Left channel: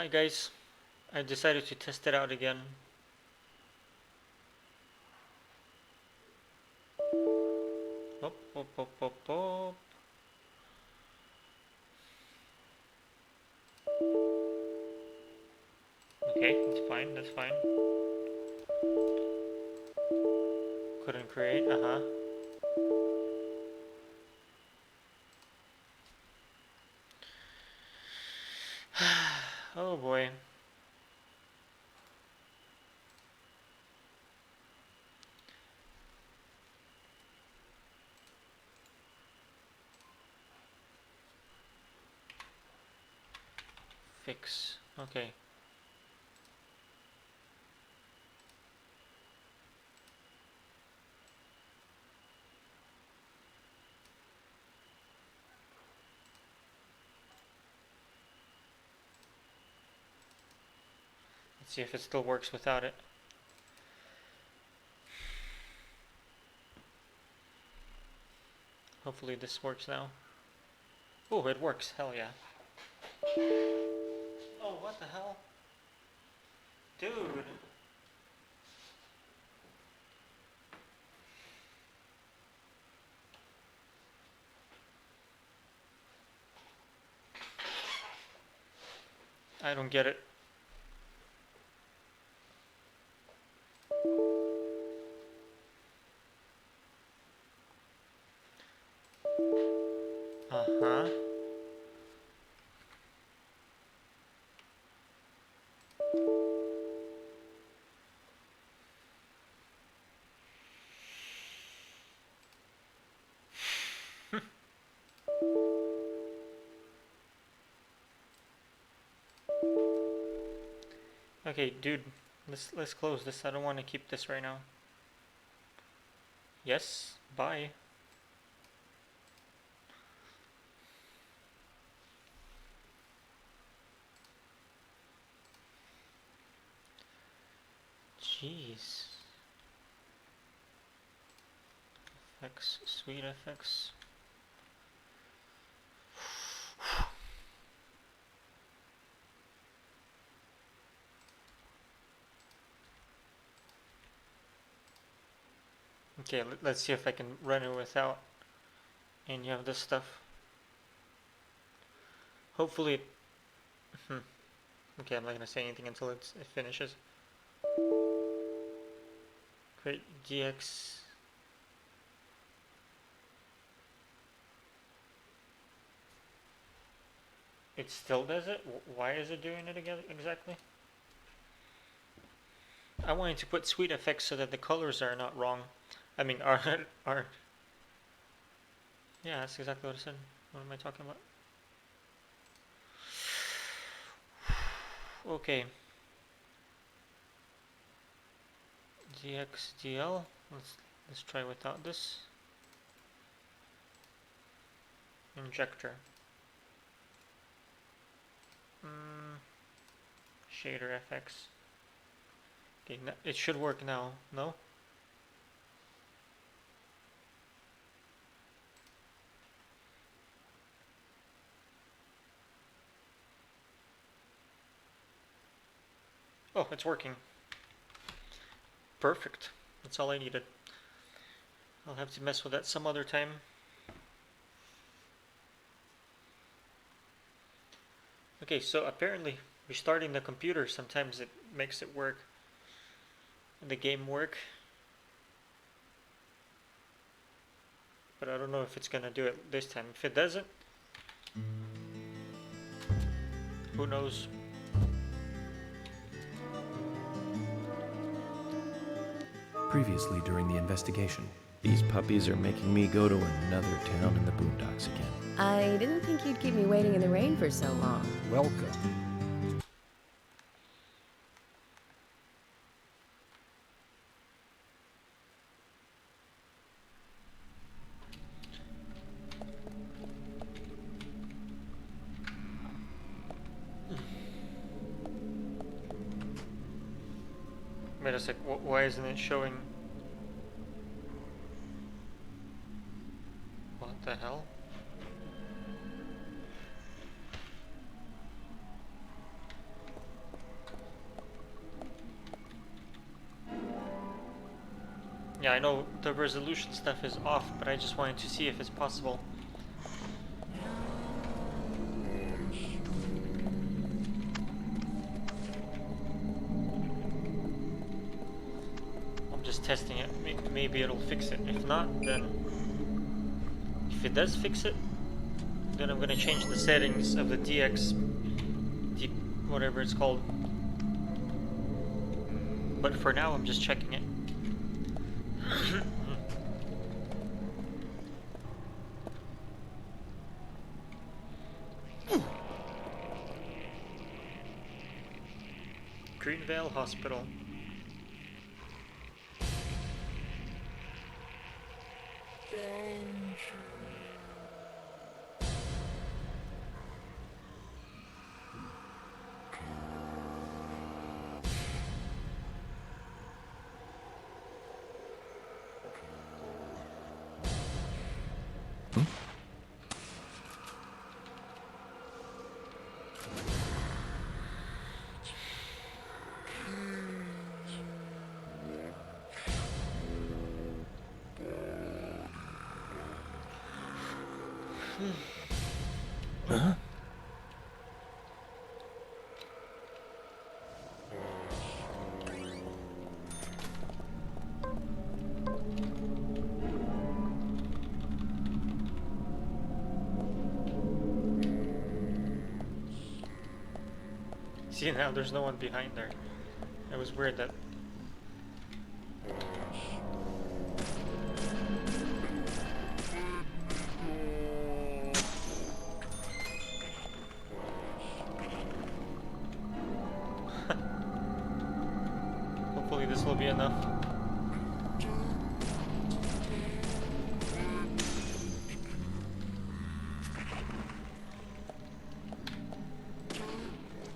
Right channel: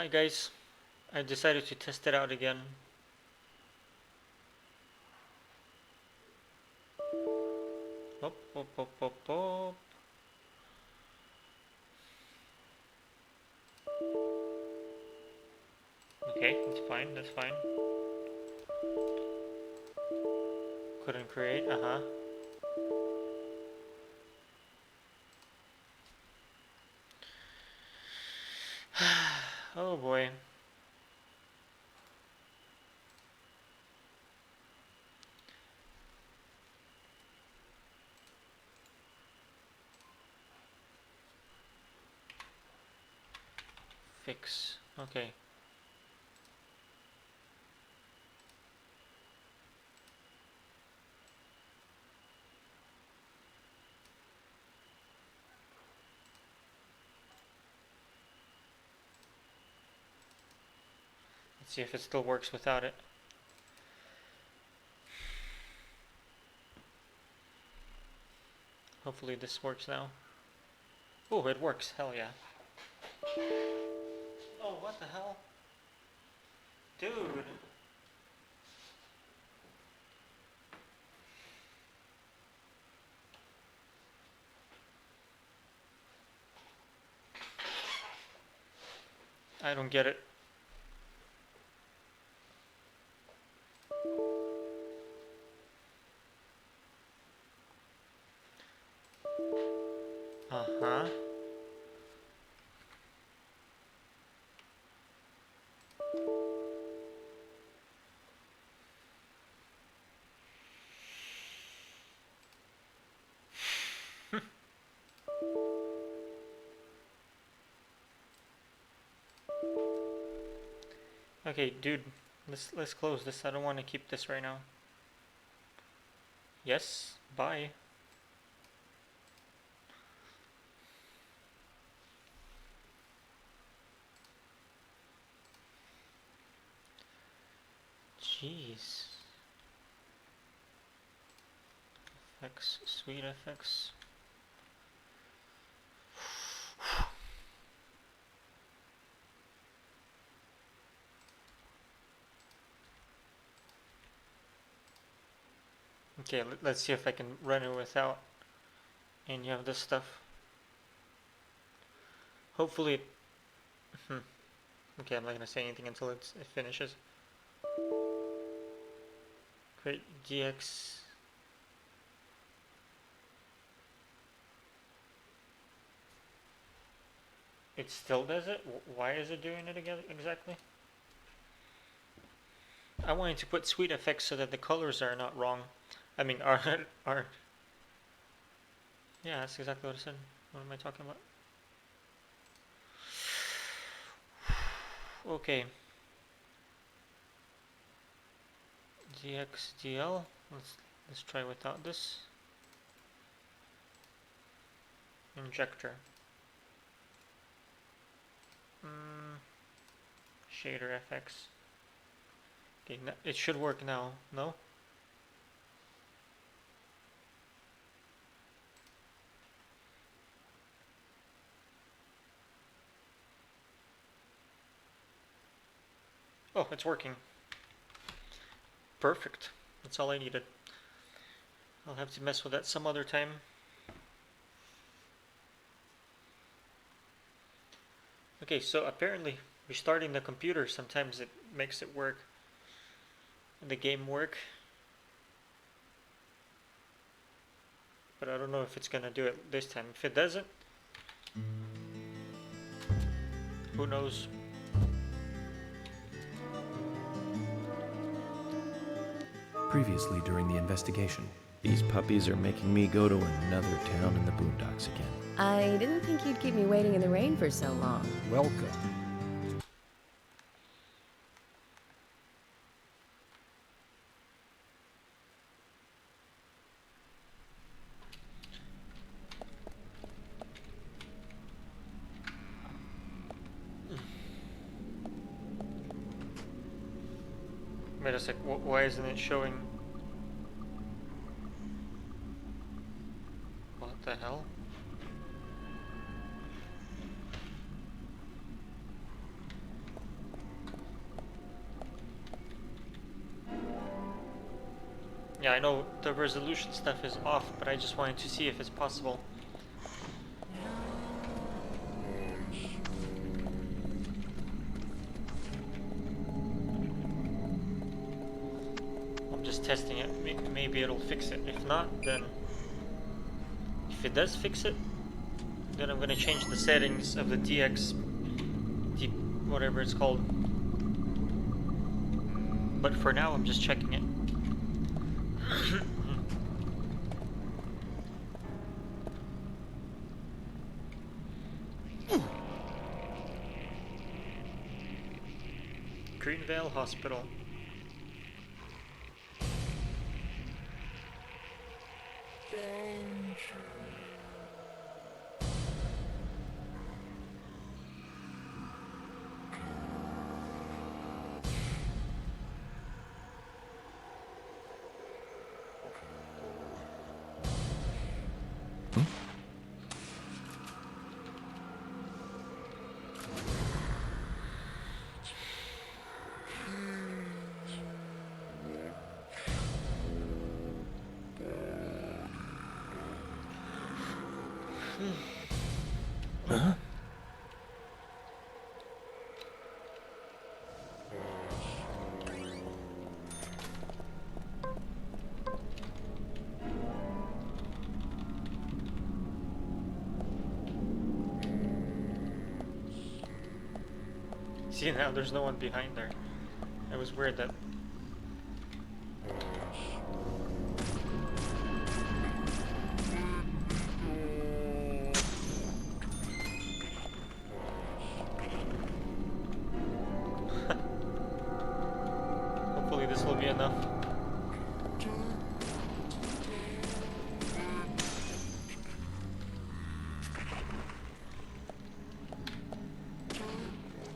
Hi guys, I decided to test it out again. Hop, hop, hop, hop, hop. Okay, that's fine, that's fine. Couldn't create, Oh boy. Fix, okay. Let's see if it still works without it. Hopefully this works now. Oh, it works, hell yeah. Oh, what the hell? Dude. I don't get it. Uh-huh. Okay, dude, let's close this. I don't want to keep this right now. Yes, bye. Jeez. Effects, sweet effects. Okay, let's see if I can run it without any of this stuff. Hopefully it... Okay, I'm not gonna say anything until it finishes. Create GX. It still does it? Why is it doing it again exactly? I wanted to put sweet effects so that the colors are not wrong. I mean, are... Yeah, that's exactly what I said. What am I talking about? Okay. GXDL. Let's try without this. Injector. Shader FX. Okay, it should work now. No? Oh, it's working. Perfect. That's all I needed. I'll have to mess with that some other time. Okay, so apparently restarting the computer sometimes it makes it work. The game work. But I don't know if it's gonna do it this time. If it doesn't, who knows? Previously during the investigation. These puppies are making me go to another town in the boondocks again. I didn't think you'd keep me waiting in the rain for so long. Welcome. Wait a sec, why isn't it showing? What the hell? Yeah, I know the resolution stuff is off, but I just wanted to see if it's possible. I'm just testing it. Maybe it'll fix it. If not, then... If it does fix it, then I'm gonna change the settings of the DX... whatever it's called. But for now, I'm just checking it. Greenvale Hospital. Huh? See, now there's no one behind there. It was weird that... Hopefully this will be enough.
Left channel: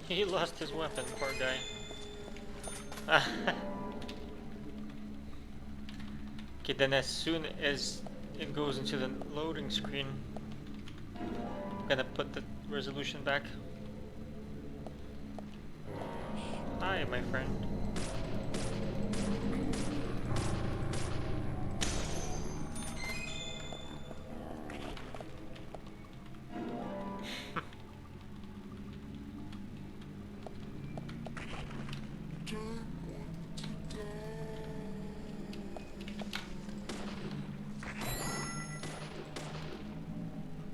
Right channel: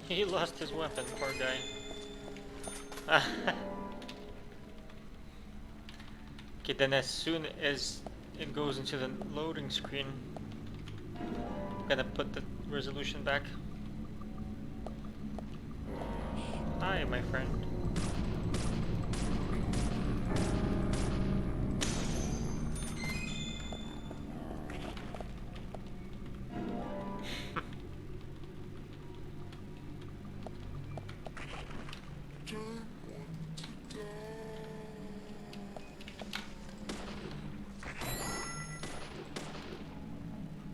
He lost his weapon, poor guy. Okay, then as soon as it goes into the loading screen, I'm gonna put the resolution back. Hi, my friend.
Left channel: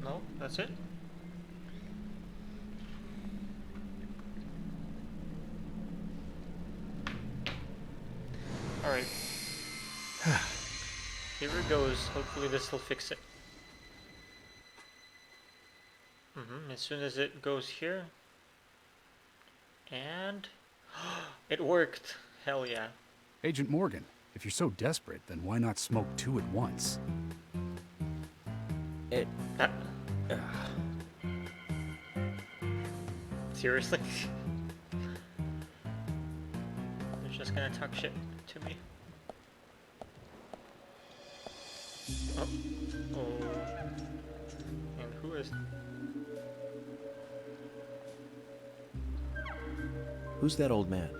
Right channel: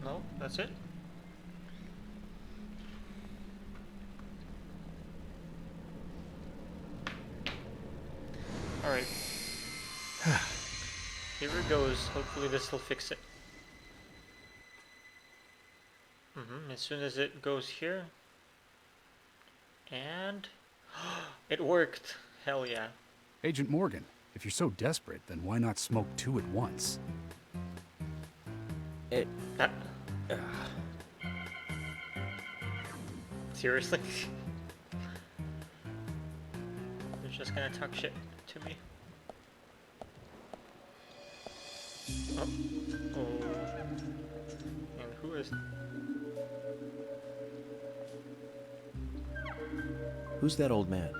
No, that's it. Alright. Here it goes. Hopefully this will fix it. As soon as it goes here. And... it worked! Hell yeah. Agent Morgan, if you're so desperate, then why not smoke two at once? Seriously? You're just gonna talk shit to me? Oh. Oh. And who is... Who's that old man?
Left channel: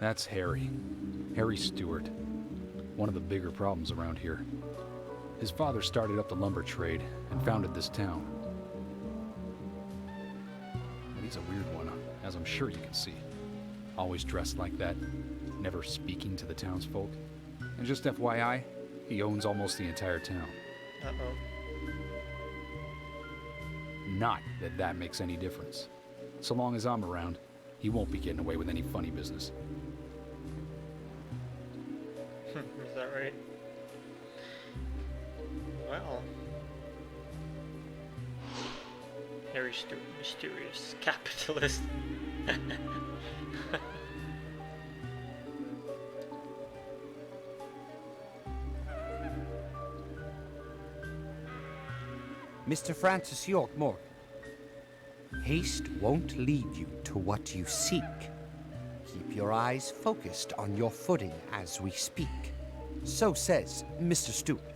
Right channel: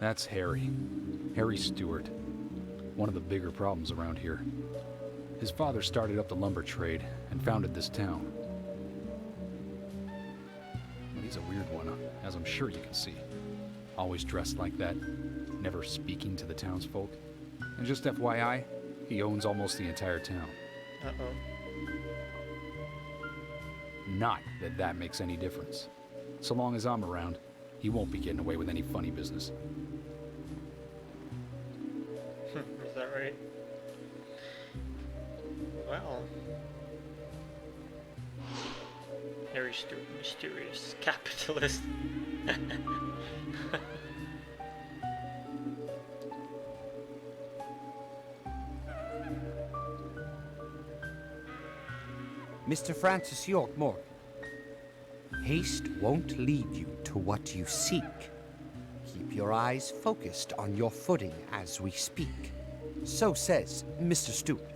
That's Harry. Harry Stewart. One of the bigger problems around here. His father started up the lumber trade and founded this town. But he's a weird one, as I'm sure you can see. Always dressed like that, never speaking to the townsfolk. And just FYI, he owns almost the entire town. Uh-oh. Not that that makes any difference. So long as I'm around, he won't be getting away with any funny business. Is that right? Well... Harry Stewart, mysterious capitalist. Mr. Francis York Morgan, haste won't lead you to what you seek. Keep your eyes focused on your footing as we speak. So says Mr. Stewart.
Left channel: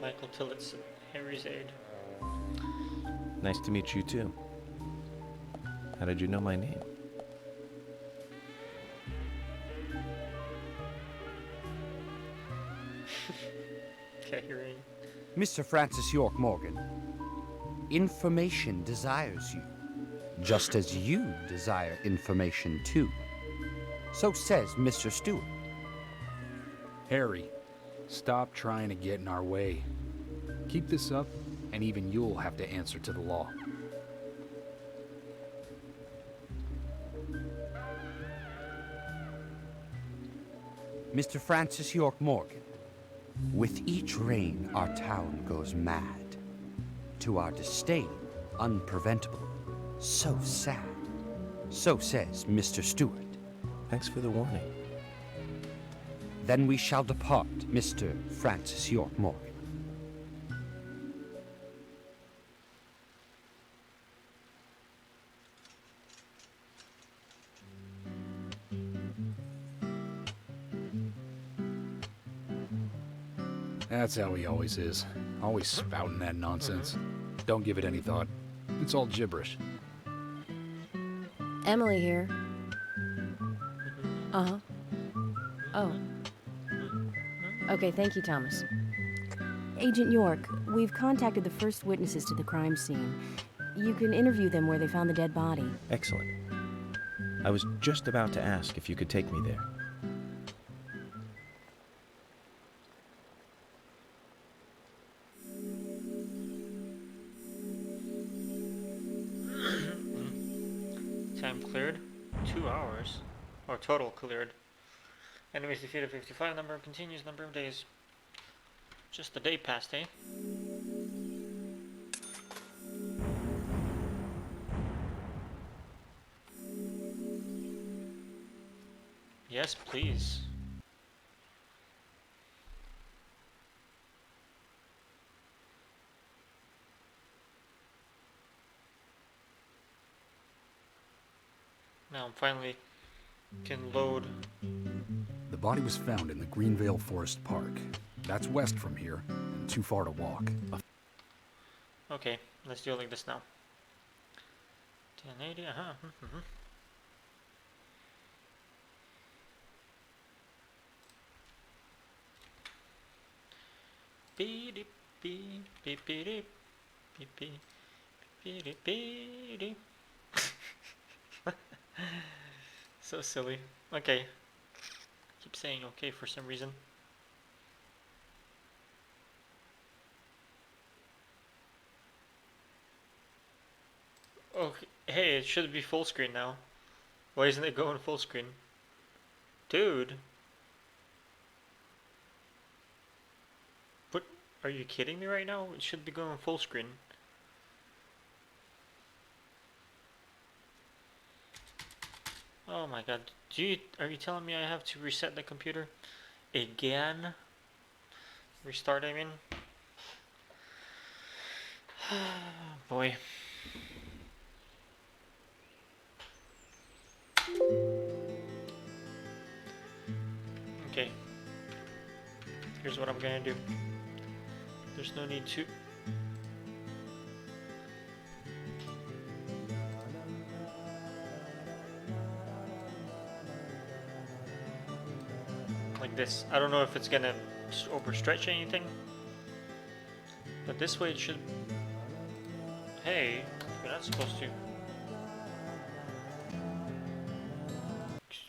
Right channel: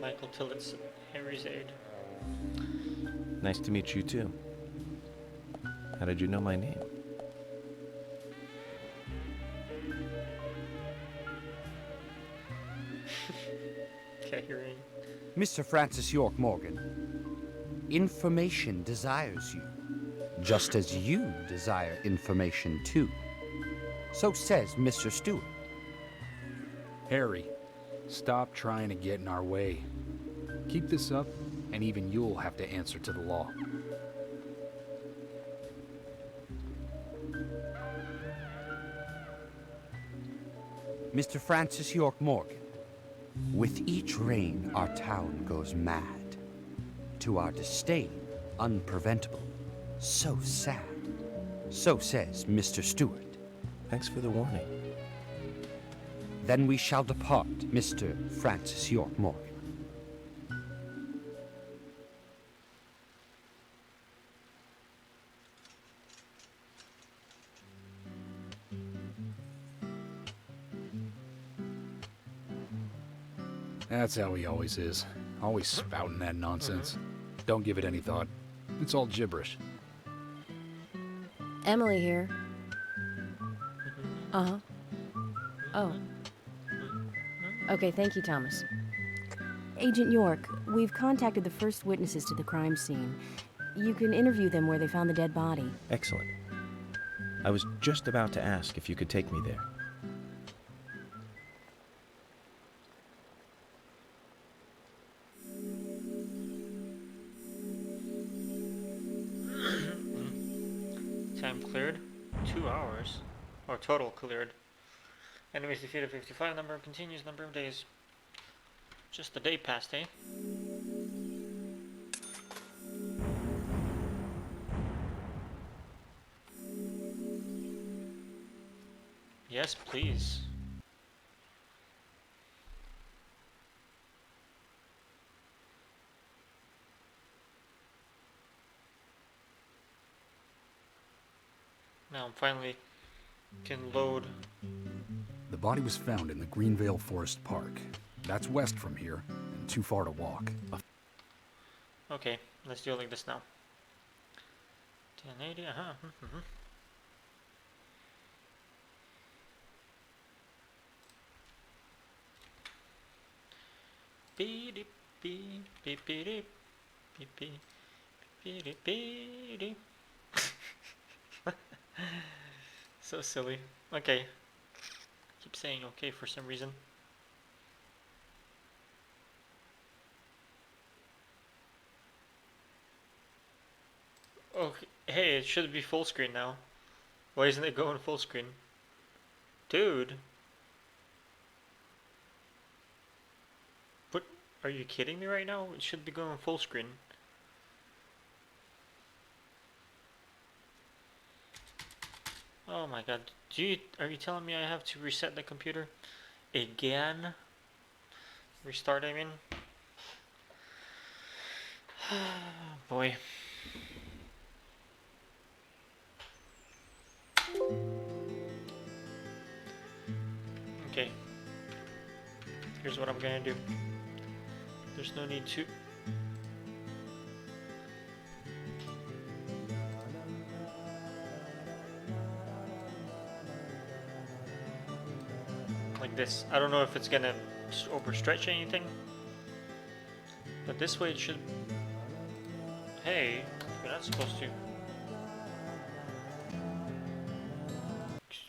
Michael Tillotson, Harry's aide. Nice to meet you too. How did you know my name? Mr. Francis York Morgan, information desires you, just as you desire information too. So says Mr. Stewart. Harry, stop trying to get in our way. Keep this up, and even you'll have to answer to the law. Mr. Francis York Morgan, with each rain our town goes mad. To our disdain, unpreventable. So sad. So says Mr. Stewart. Thanks for the warning. Then we shall depart, Mr. Francis York Morgan. That's how he always is. Always spouting that nonsense. Don't give it any thought. It's all gibberish. Emily here. Uh-huh. Oh. Okay, thank you, Thomas. Agent York, we've contacted the first witnesses to the crime scene. You can interview them where they found the dead body. Excellent. I was just about to ask if you could take me there. Time cleared. 2 hours. Or total cleared. Enemies defeated 55. Number continues. Number of days. Just a day passed, eh? Yes, please. Now I'm finally can load. The body was found in the Greenvale Forest Park. That's west from here, and too far to walk. Okay, let's do it like this now. 1080, Beep beep beep beep beep beep beep beep beep beep. So silly. Okay. Keep saying okay for some reason. Okay. Hey, it should be full screen now. Why isn't it going full screen? Dude. What? Are you kidding me right now? It should be going full screen. Oh my god. Are you telling me I have to reset the computer again? Restart, I mean. Boy. Okay. Here's what I'm gonna do. There's no need to. Like this. I don't know if it's gonna overstretch anything, but this way it should. Hey, you're not supposed to.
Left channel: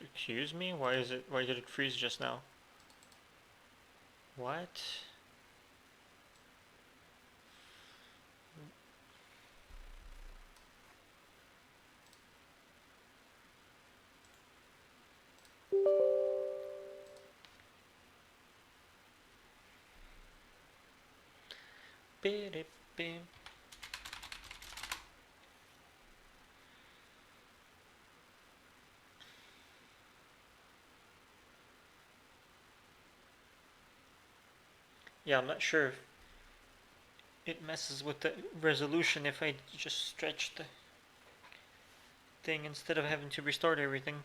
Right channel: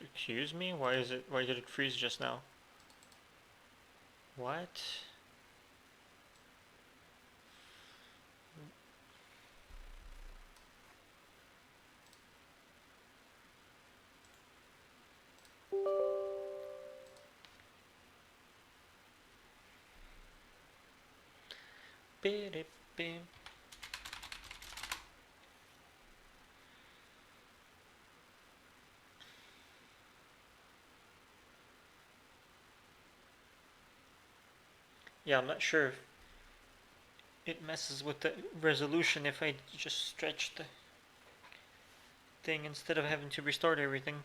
Excuse me? Why did it freeze just now? What? Beep. Yeah, I'm not sure if it messes with the resolution if I just stretch the thing instead of having to restart everything.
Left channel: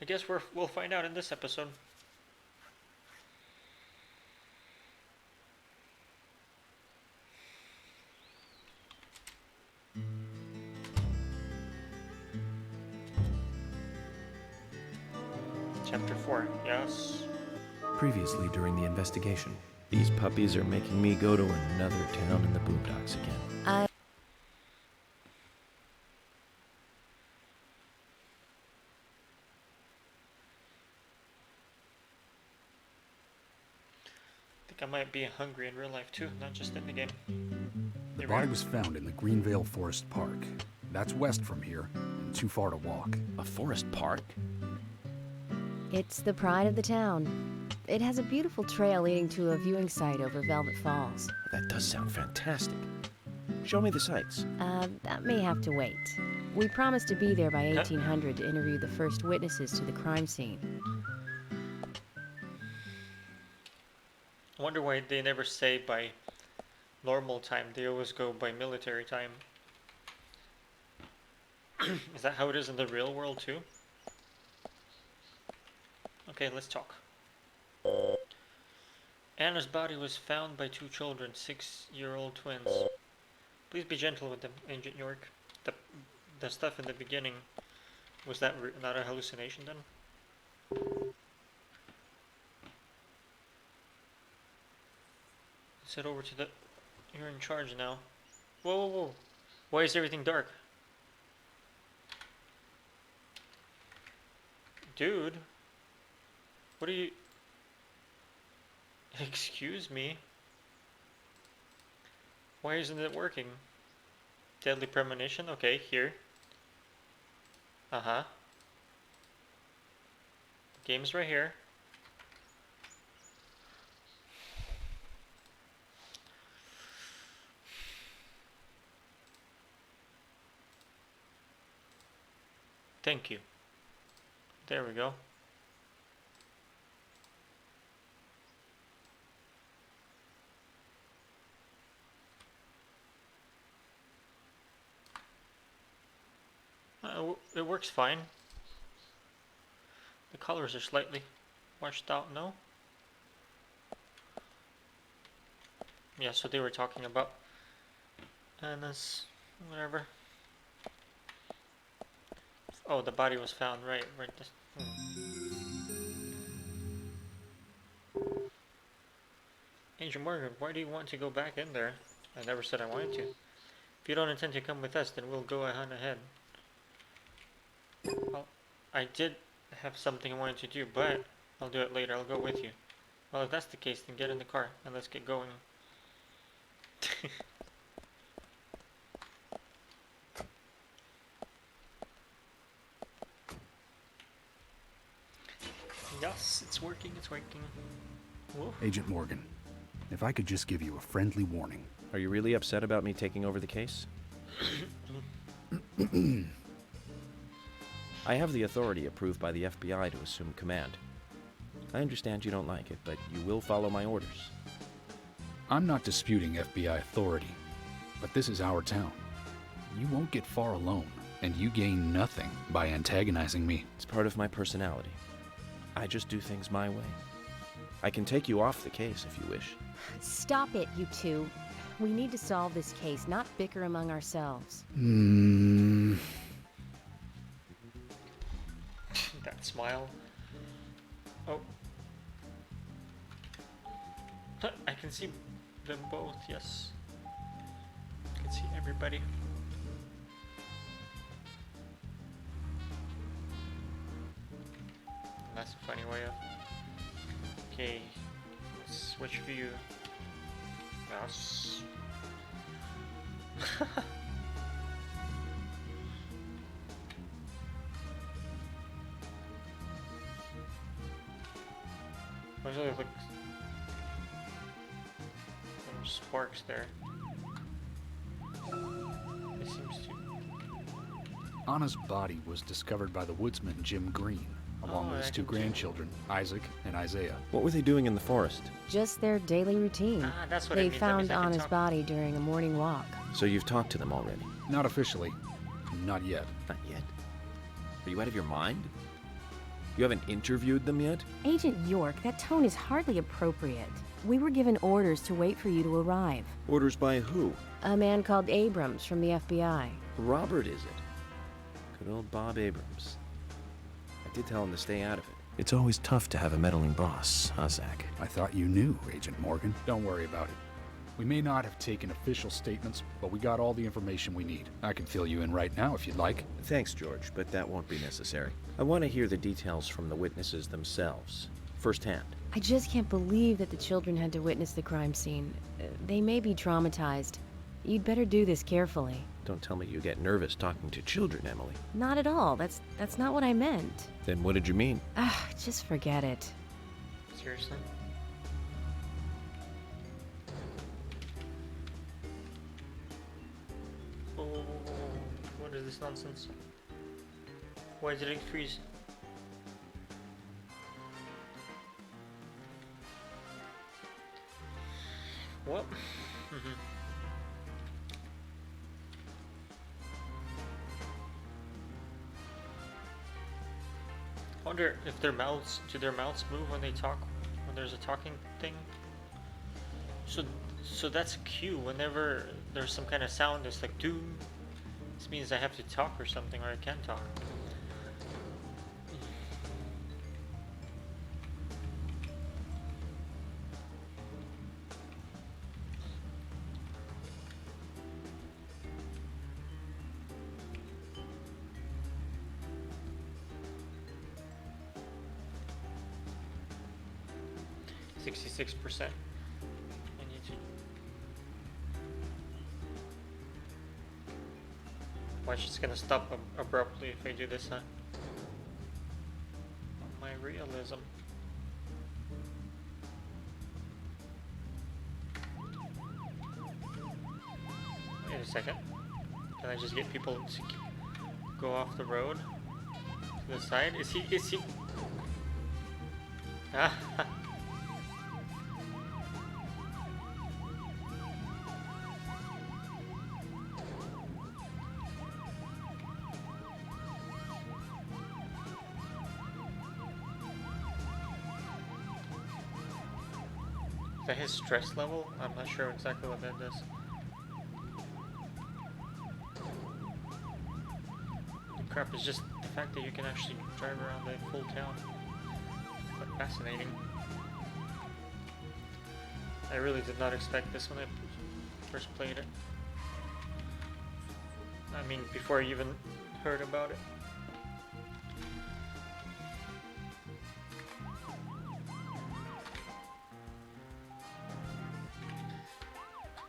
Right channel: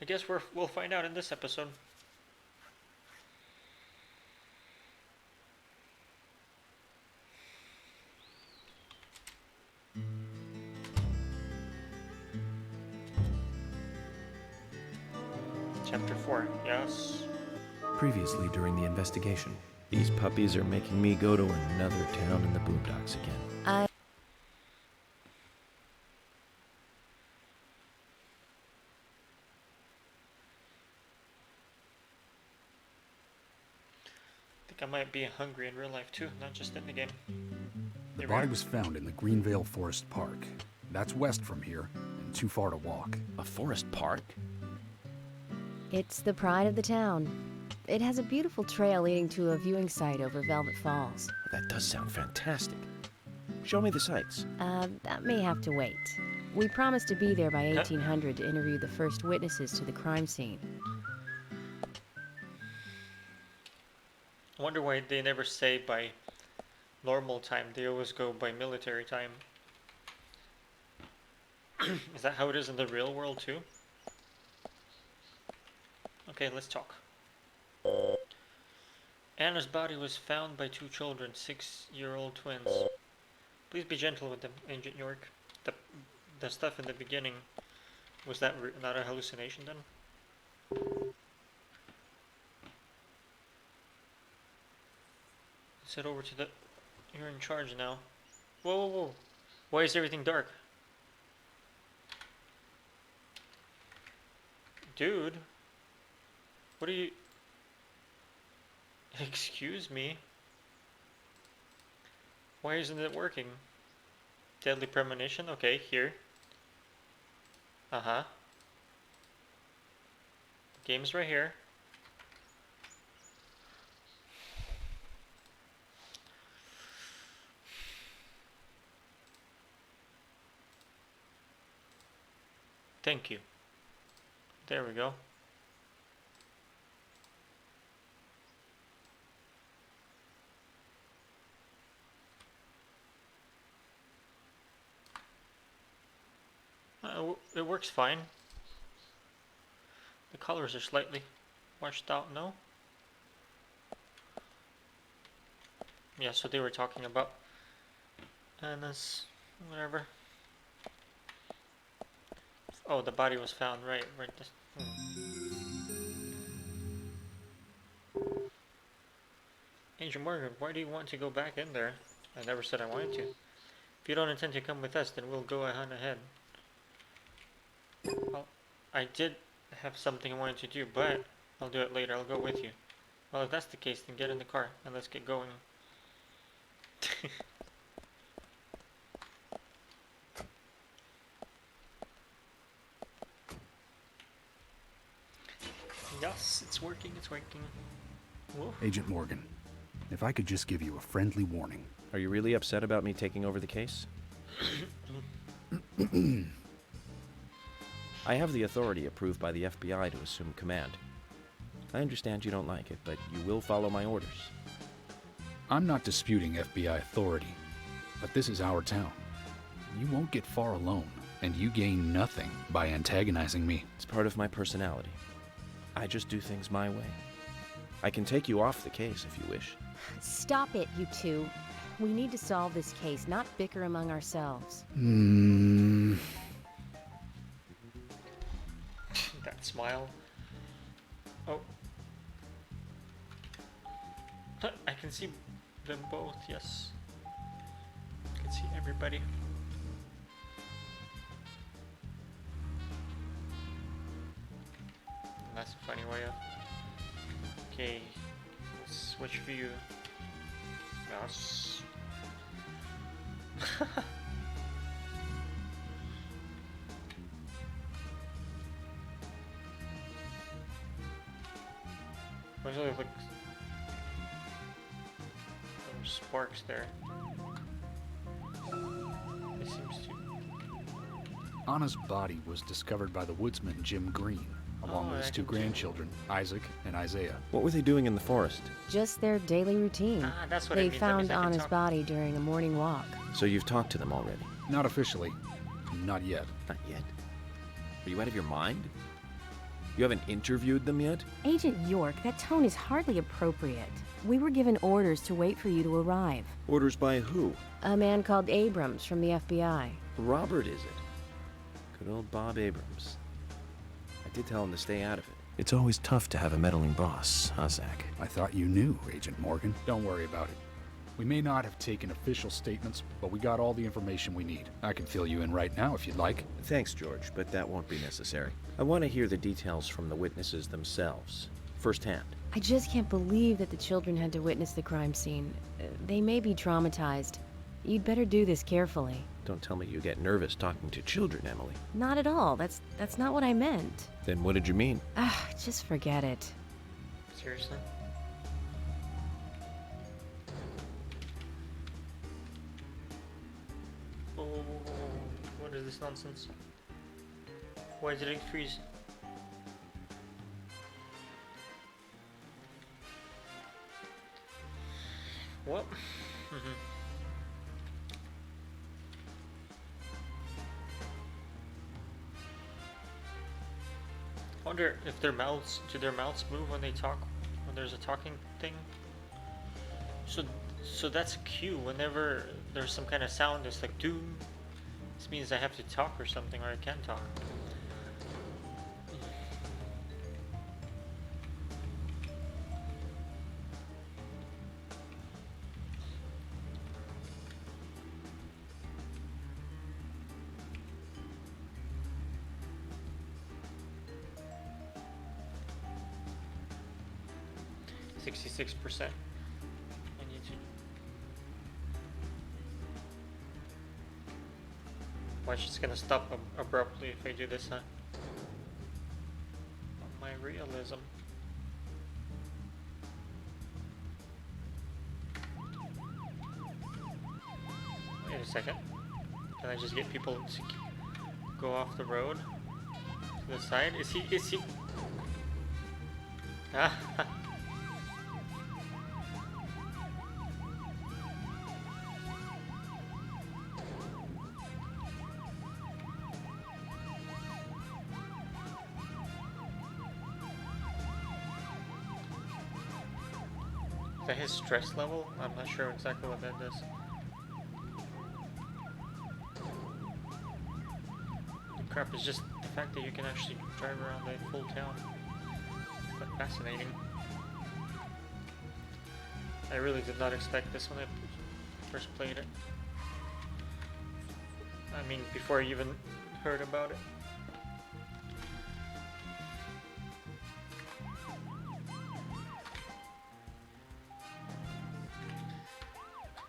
I guess we'll find out in this episode. Chapter 4, yes. Previously during the investigation. These puppies are making me go to another town in the boondocks again. I... think I might be hungry in real life too, not just in the game. The Here we body are. was found in the Greenvale Forest Park. That's west from here, and too far to walk. A forest park? It's the pride of the town. It has a beautiful trail leading to a viewing site over Velvet Falls. That does sound fantastic. Show me the sights. That may have to wait. We promised to be there by 1800 to interview the first witnesses to the crime scene. I wonder why they never say by normal time. They always go by military time. Is that how it is in the real world too? Okay, let's talk. Anna's body was found by two children, 6-year-old twins. Please be gentle with them, Agent York. The stuff in the beginning, was that not a hallucination then? Let's head over to the... You're in charge now. Whoa, whoa, whoa. Why is everything dark? Dude. What are you... Excuse me? Why isn't it working? Deadly Premonition? Okay, here. Uh-huh. Game's right here. Thank you. There we go. It works fine. The colors are slightly washed out, no? Yeah, so they were talking about Anna's, whatever. Oh, the body was found, right this. Agent Morgan, why do you want to go back in there? I never said I wanted to. If you don't intend to come with us, then we'll go on ahead. Well, I did have something I wanted to do, but I'll do it later. I'll go with you. Well, if that's the case, then get in the car and let's get going. Yes, it's working, it's working. Whoa. Agent Morgan, if I could just give you a friendly warning. Are you really upset about me taking over the case? I have the authority approved by the FBI to assume command. I understand you don't like it, but you will follow my orders. I'm not disputing FBI authority, but this is our town. You won't get far alone, and you gain nothing by antagonizing me. It's part of my personality. I just do things my way. I can take you off the case if you wish. Stop it, you two. We need to solve this case, not bicker among ourselves. That smile. Oh. I can see them both, yes. I can see everybody. That's a funny way of... Okay, let's switch view. Yes. There's like some sparks there. It seems to... Anna's body was discovered by the woodsman Jim Green, along with his two grandchildren, Isaac and Isaiah. What were they doing in the forest? Just their daily routine. Ah, that's what They it means. That found means I can Anna's talk. body during a morning walk. So you've talked to them already? Not officially. Not yet. Not yet. Are you out of your mind? You haven't interviewed them yet? Agent York, that tone is hardly appropriate. We were given orders to wait for you to arrive. Orders by who? A man called Abrams from the FBI. Robert, is it? Good old Bob Abrams. I did tell him to stay out of it. It's always tough to have a meddling boss, huh, Zach? I thought you knew, Agent Morgan. Don't worry about it. We may not have taken official statements, but we got all the information we need. I can fill you in right now if you'd like. Thanks, George, but that won't be necessary. I want to hear the details from the witnesses themselves, firsthand. I just can't believe that the children had to witness the crime scene. They may be traumatized. You'd better do this carefully. Don't tell me you get nervous talking to children, Emily. Not at all. That's not what I meant. Then what did you mean? Just forget it. Seriously? Oh, what is this nonsense? Why did it freeze? What? I wonder if do their mouths move when they talk, when there's a talking thing? So that's a cue. Whenever there's some kind of sound, it's like doom. This means I have to talk or something, or I can talk. %66%. I need to. Why is just gonna stop abruptly if I do this, huh? My realism. Wait a second. Can I just get people to go off the road to the side? Is he? Ah. Is that his stress level? I'm not sure exactly what that does. The crap is just the fact that you can actually drive around a full town. Quite fascinating. I really did not expect this when I first played it. I mean, before I even heard about it.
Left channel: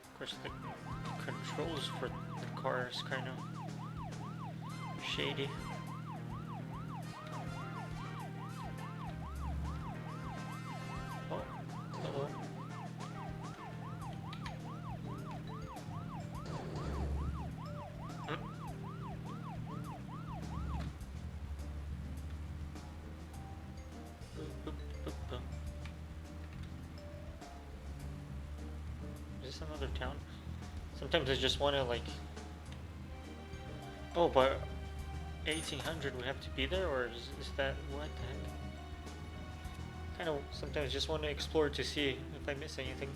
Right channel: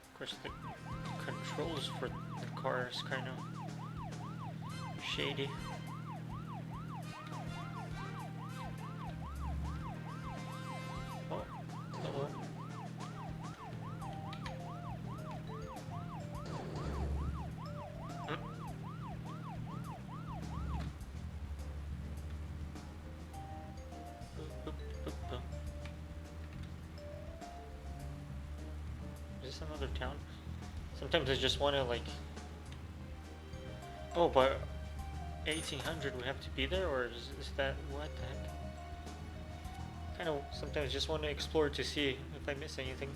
Of course, the controls for the car is kind of shady. Oh, uh-oh. Is this another town? Sometimes I just want to like... Oh, but 1800 we have to be there, or is that... what the heck? Kind of sometimes just want to explore to see if I miss anything.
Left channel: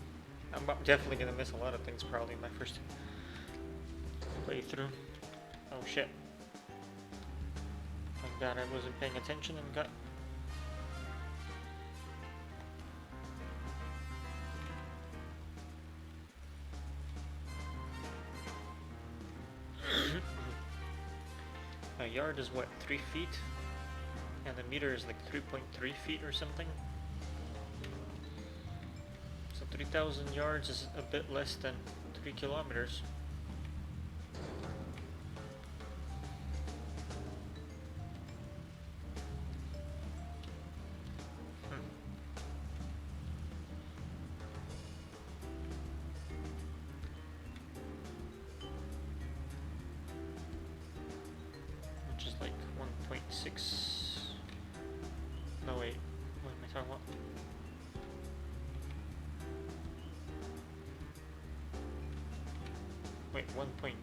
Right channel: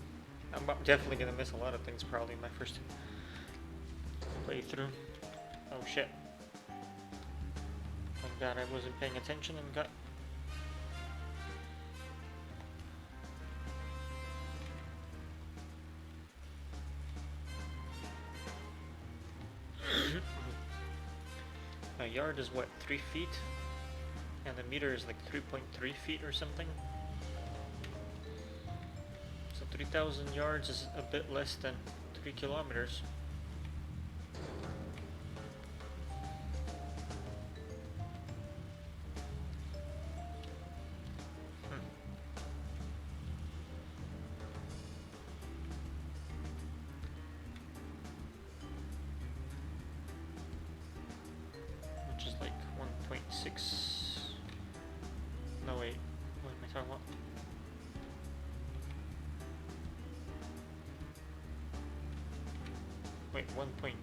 I'm definitely going to miss a lot of things probably in my first playthrough. Oh shit. Like that, I wasn't paying attention and got... A yard is what, 3 feet? And the meter is like 3.3 feet or something. So 3,000 yards is a bit less than 3 kilometers. Which is like 1.6. No, wait. What am I talking about? Wait, 1.8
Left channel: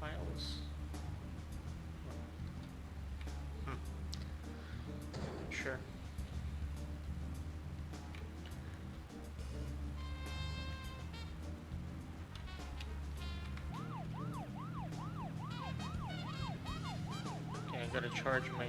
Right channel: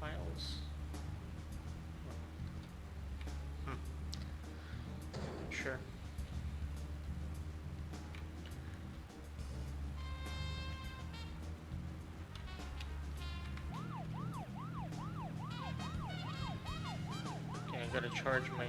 miles? Sure. Okay, I gotta charge my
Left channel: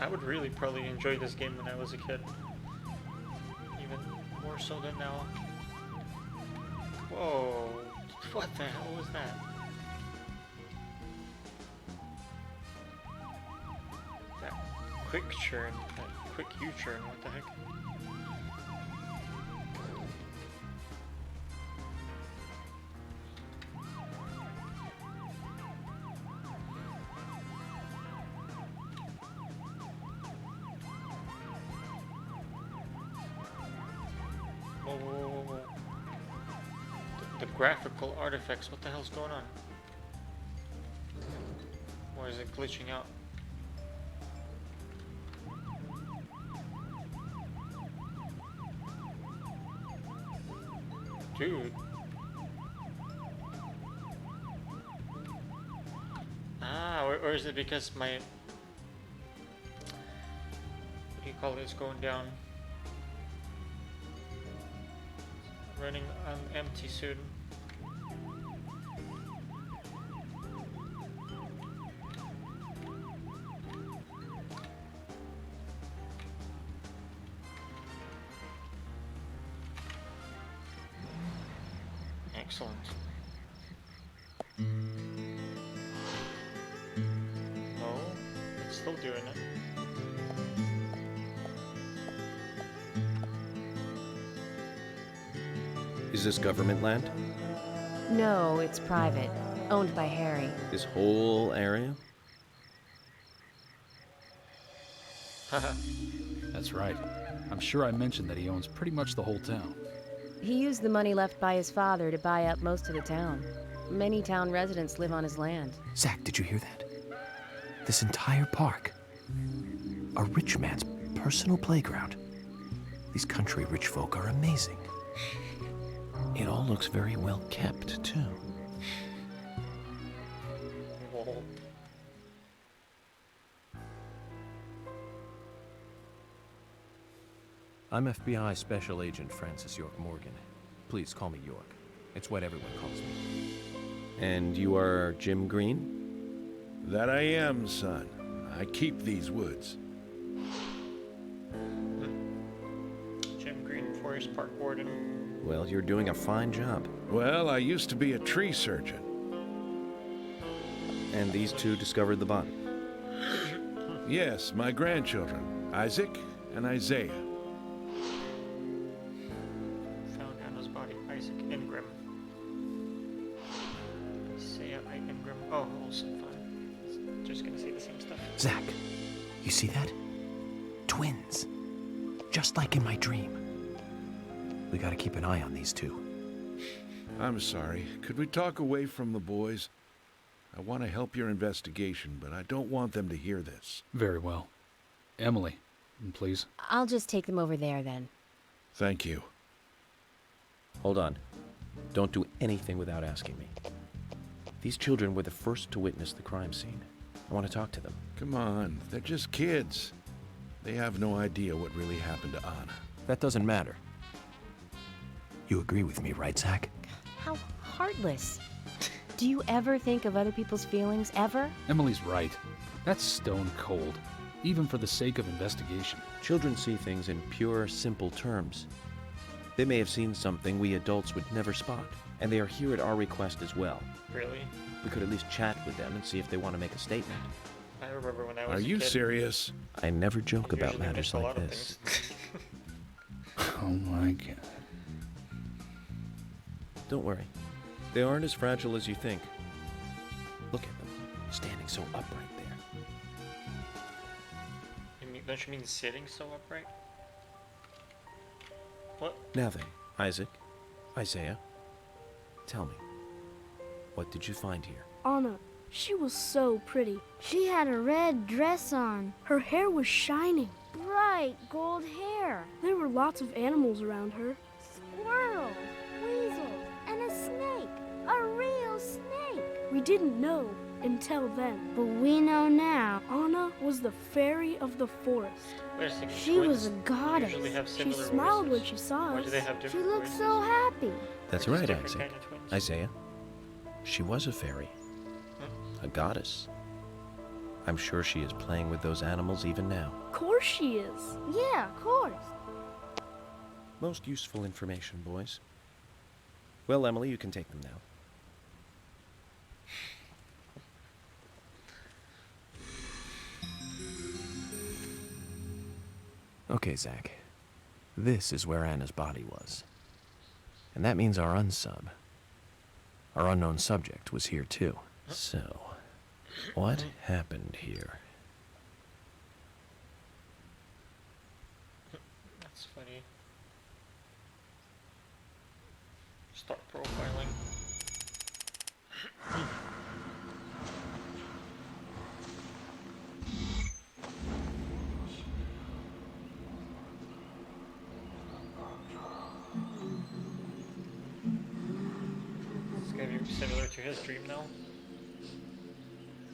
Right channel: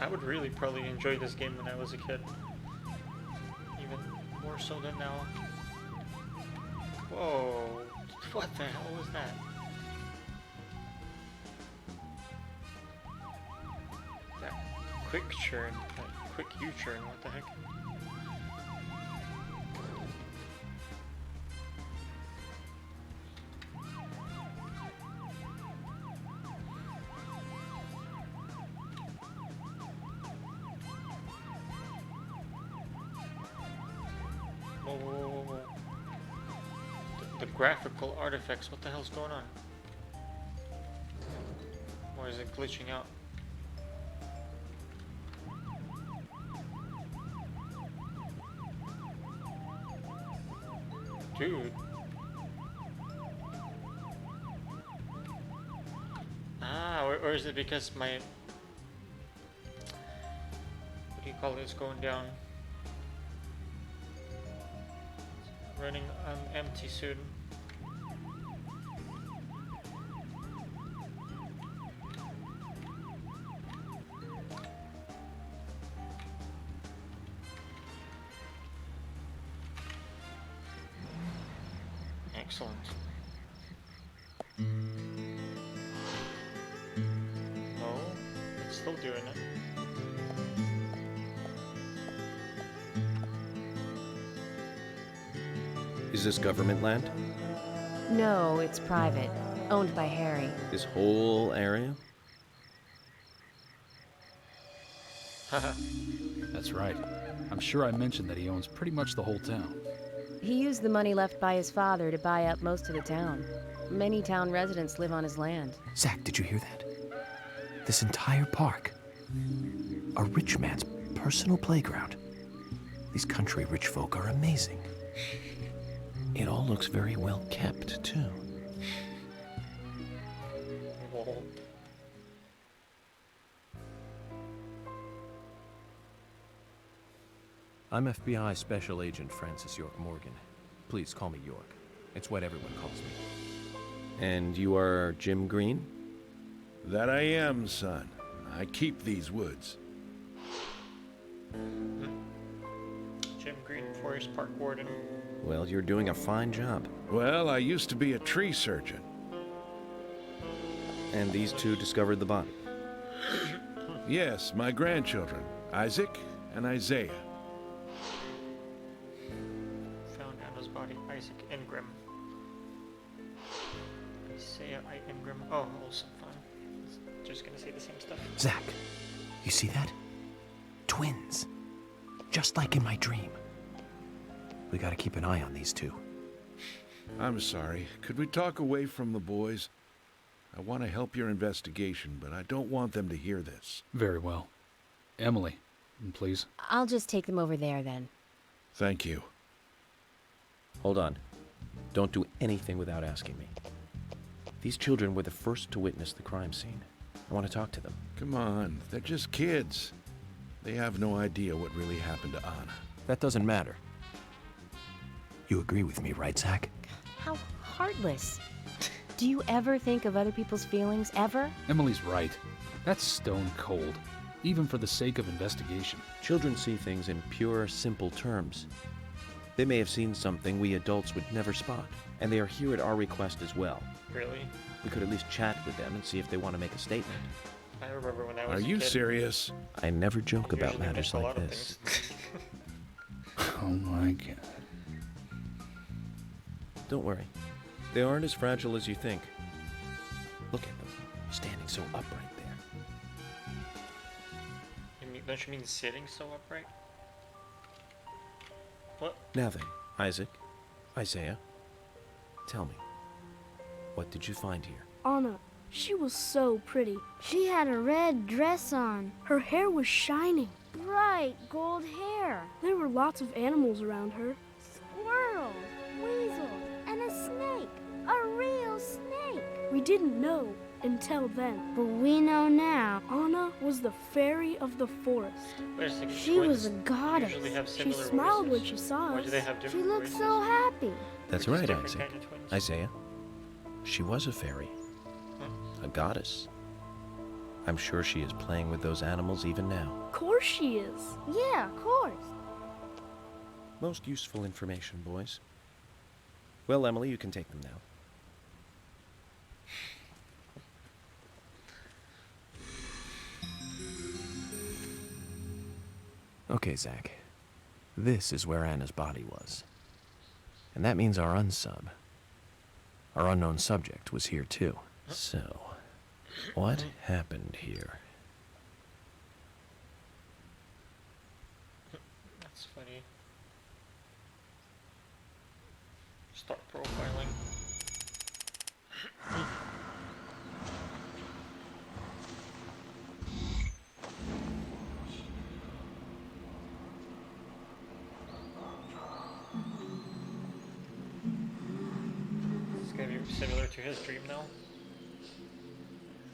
I would really probably enjoy this game when I was a kid. Even more so than now. Whoa, what the hell was that? That quick churn, that quick U-turn, what the heck? Whoa. The graphical artifacts, what the hell's going on? Why is it glitching out? Dude. Ah, or is it because my... What do you call it? It's going down. Running on empty soon. Excellent. No, it's still doing it. Is this government land? No, it's private. Owned by Harry. This whole area? Haha. That's right. I'm sure I mentioned that he owns pretty much the whole town. He used the money left by his father to buy up most of the town. Many town residents live on his land. Zach, did you hear that? This entire park. A rich man's personal playground. These country rich folk are amazing. It all looks very well kept, too. Whoa. I'm FBI Special Agent Francis York Morgan. Please call me York. It's what everyone calls me. And you are Jim Green? That I am, son. I keep these woods. Jim Green, Forest Park Warden. Well, you're doing a fine job. Well, I used to be a tree surgeon. And these two discovered the body. Yes, my grandchildren, Isaac and Isaiah. Found Anna's body, Isaac Ingram. Isaiah I. Ingram. Oh, also fine. Just gonna say the same stuff. Zach, you see that? Twins. Just like in my dream. We gotta keep an eye on these two. I'm sorry. Could we talk away from the boys? I want to help your investigation, but I don't want them to hear this. Very well. Emily, please. I'll just take them over there then. Thank you. Hold on. Don't do anything without asking me. These children were the first to witness the crime scene. I want to talk to them. Come on, they're just kids. They have no idea what really happened to Anna. That doesn't matter. You agree with me, right, Zach? How heartless. Do you ever think of other people's feelings, ever? Emily's right. That's stone cold, even for the sake of investigation. Children see things in pure, simple terms. They may have seen something we adults would never spot, and they are here at our request as well. Really? We could at least chat with them and see if they want to make a statement. I remember when I was Are a you kid, serious? I never joke I about usually matters missed a like lot of this. things. Oh my god. Don't worry. They aren't as fragile as you think. Look at them, standing so upright there. Don't you mean sitting so upright? What? Now then, Isaac, Isaiah, tell me, what did you find here? Anna, she was so pretty. She had a red dress on. Her hair was shining. Bright gold hair. There were lots of animals around her. Squirrels, weasels, and a snake. A real snake. We didn't know until then. But we know now. Anna was the fairy of the forest. Wait a second. She was a goddess. Usually have She similar smiled when voices. she saw Why us. do they have She different looked voices? so happy. That's They're just right, different Isaac. kind of twins. Isaiah, she was a fairy, a goddess. I'm sure she is playing with those animals even now. Of course she is. Yeah, of course. Most useful information, boys. Well, Emily, you can take them now. Okay, Zach. This is where Anna's body was. And that means our unsub, our unknown subject, was here too. So, what happened here? That's funny. Start profiling. It's gonna be similar to his dream now.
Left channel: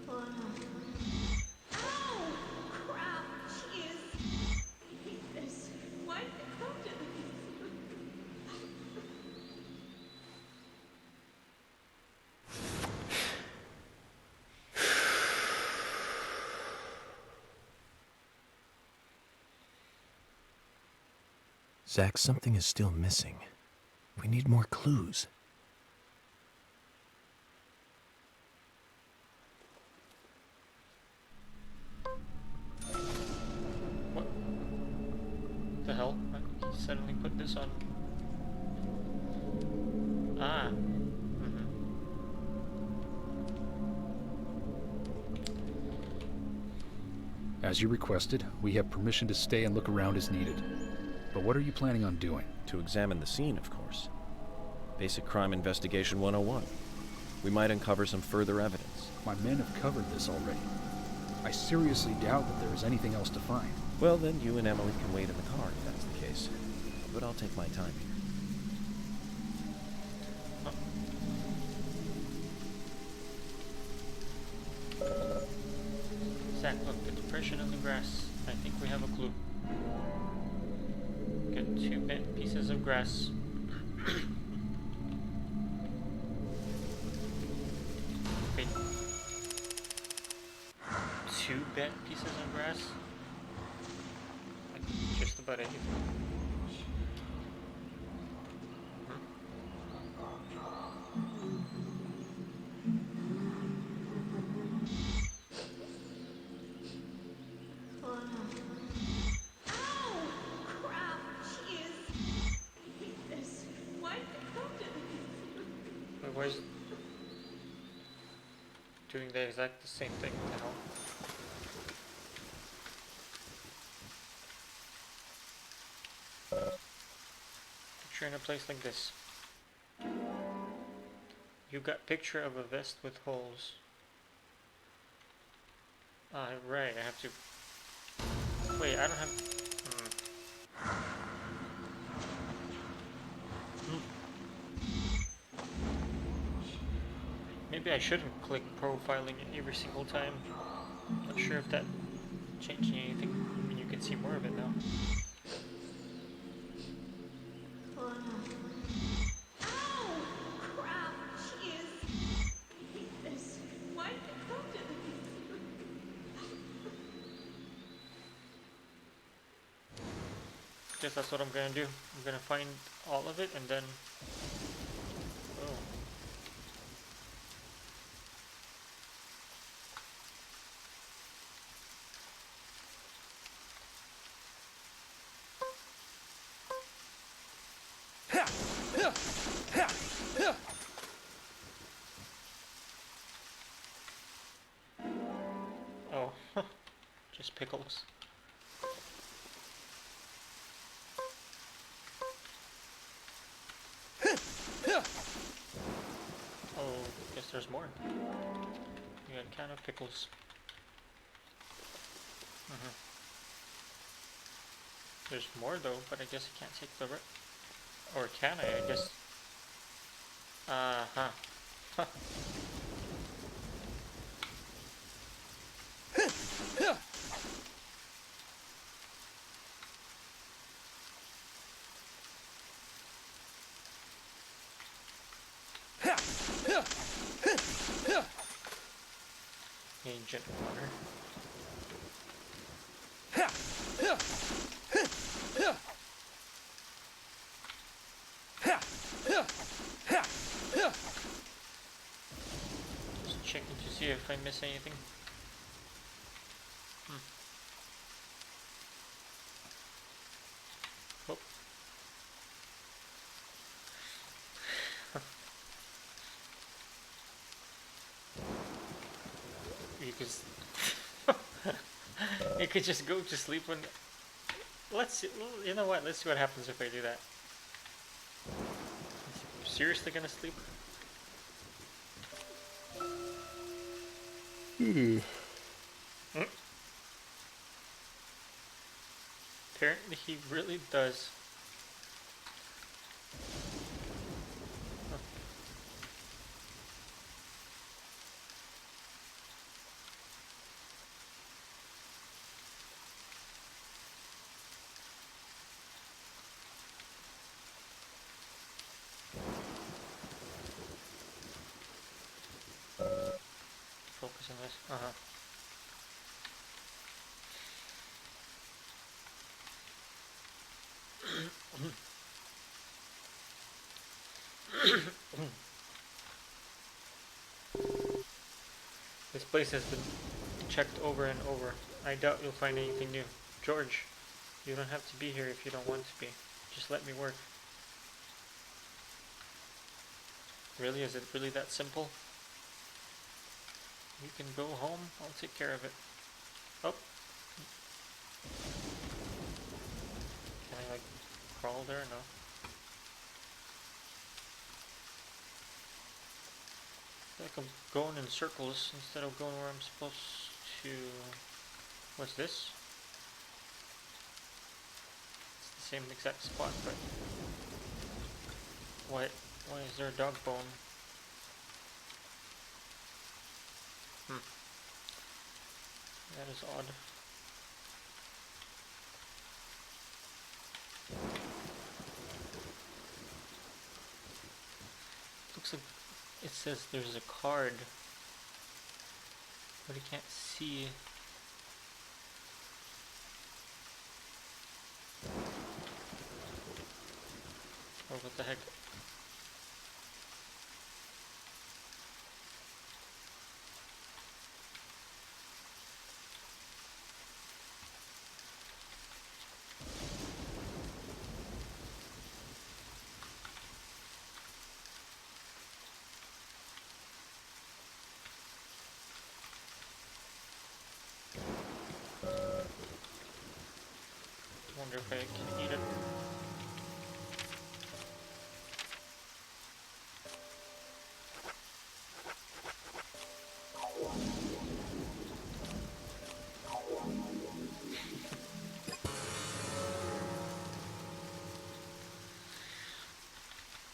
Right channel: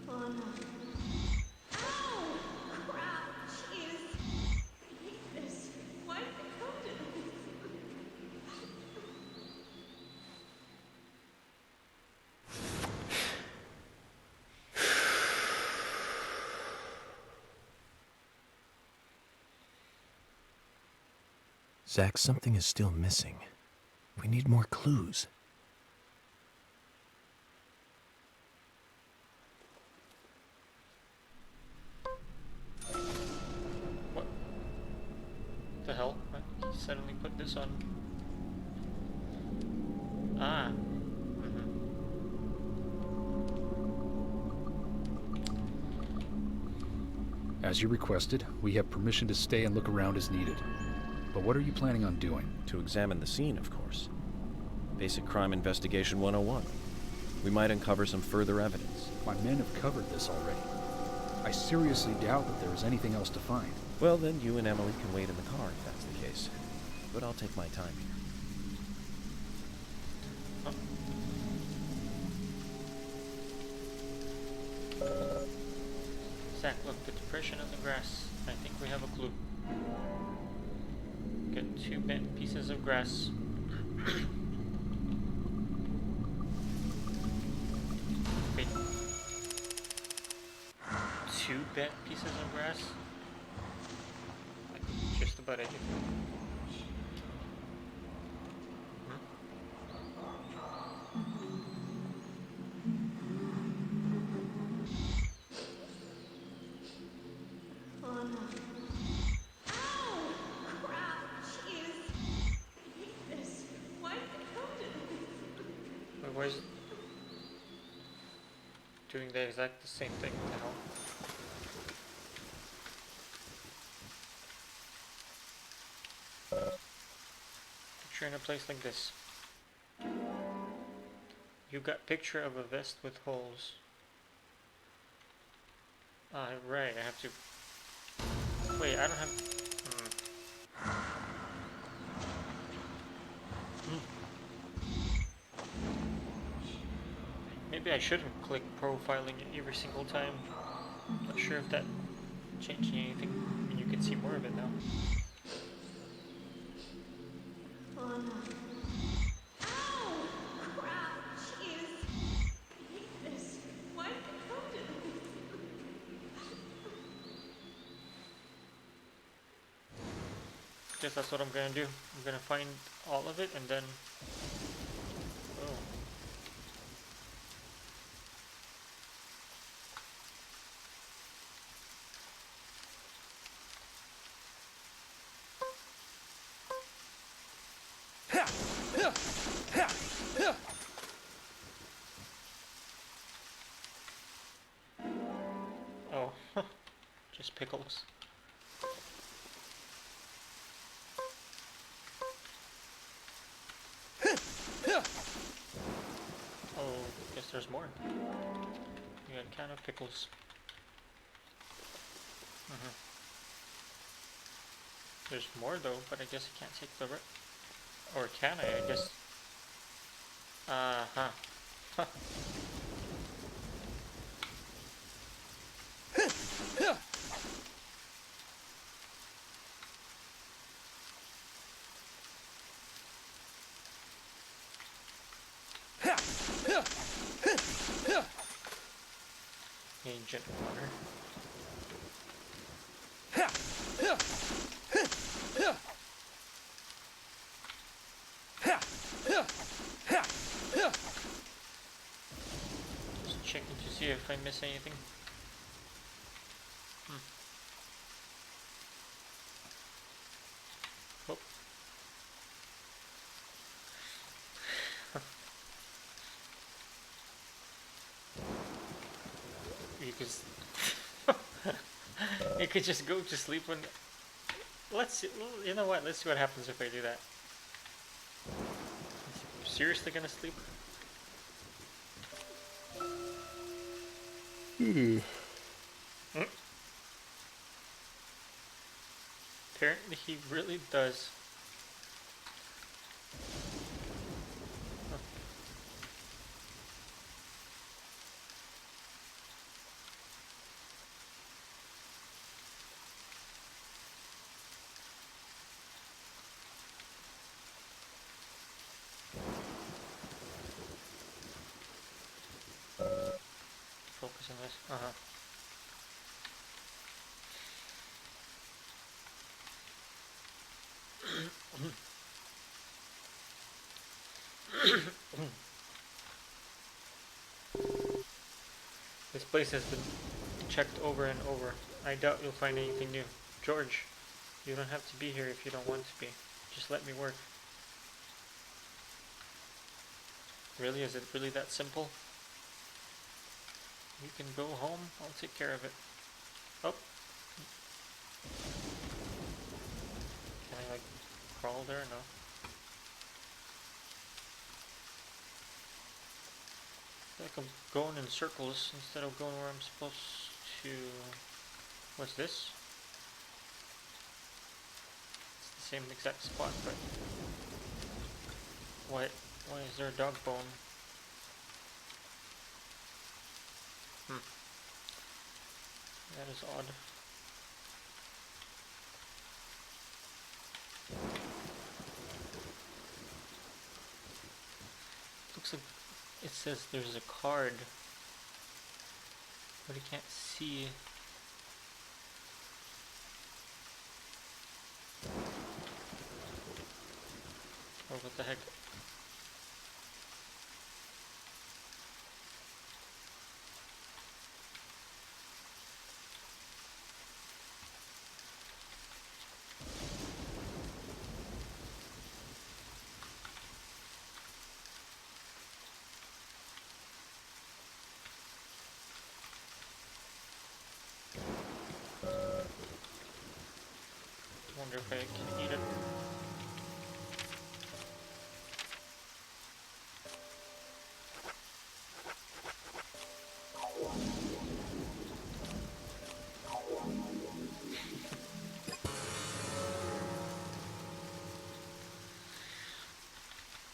Oh no. Ow! Crap! Jeez! I hate this. Why did it come to this? Zach, something is still missing. We need more clues. What the hell? He suddenly put this on. Ah. As you requested, we have permission to stay and look around as needed. But what are you planning on doing? To examine the scene, of course. Basic Crime Investigation 101. We might uncover some further evidence. My men have covered this already. I seriously doubt that there is anything else to find. Well, then you and Emily can wait in the car if that's the case. But I'll take my time here. Zach, look, the depression in the grass. I think we have a clue. Get 2 bent pieces of grass. Wait. 2 bent pieces of grass? Like just about anything. Oh no. Ow! Crap! Jeez! I hate this. Why did it come to this? Wait, why is it doing the exact same thing? What the hell? Picture in a place like this. You got picture of a vest with holes. Ah, right, I have to... Wait, I don't have... Maybe I shouldn't click profiling every single time. Not sure if that changed anything. I mean, you can see more of it now. Oh no. Ow! Crap! Jeez! I hate this. Why did it come to this? Guess that's what I'm gonna do. I'm gonna find all of it and then... Oh. Oh, just pickles. Oh, guess there's more. You got a can of pickles. There's more though, but I guess I can't take the or can I guess. Huh. Ancient water. I miss anything. Oh. You could you could just go to sleep when. Let's see. You know what? Let's see what happens if I do that. Seriously gonna sleep? Apparently he really does. Focus on this. This place has been checked over and over. I doubt you'll find anything new. George, you don't have to be here if you don't want to be. Just let me work. Really? Is it really that simple? You can go home. I'll take care of it. Oh. Can I, like, crawl there? No. I feel like I'm going in circles instead of going where I'm supposed to. What's this? It's the same exact spot, but why is there a dog bone? That is odd. Looks like it says there's a card, but I can't see. Oh, what the heck? Wonder if I can eat it.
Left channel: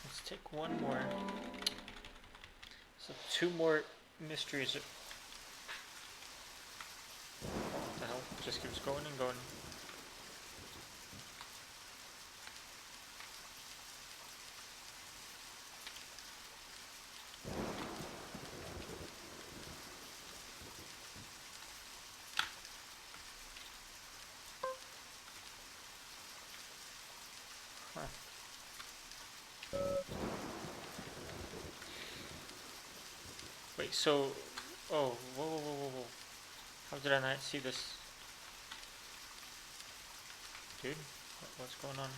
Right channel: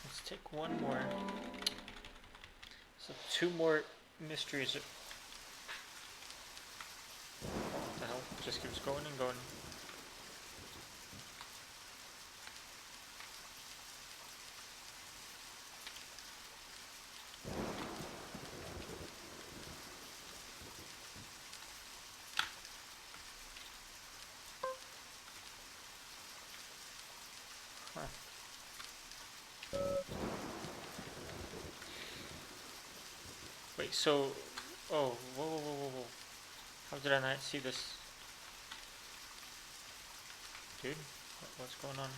Let's take one more. So 2 more mysteries. Oh, what the hell? It just keeps going and going. Huh. Wait, so... Oh, whoa. How did I not see this? Dude, what's going on?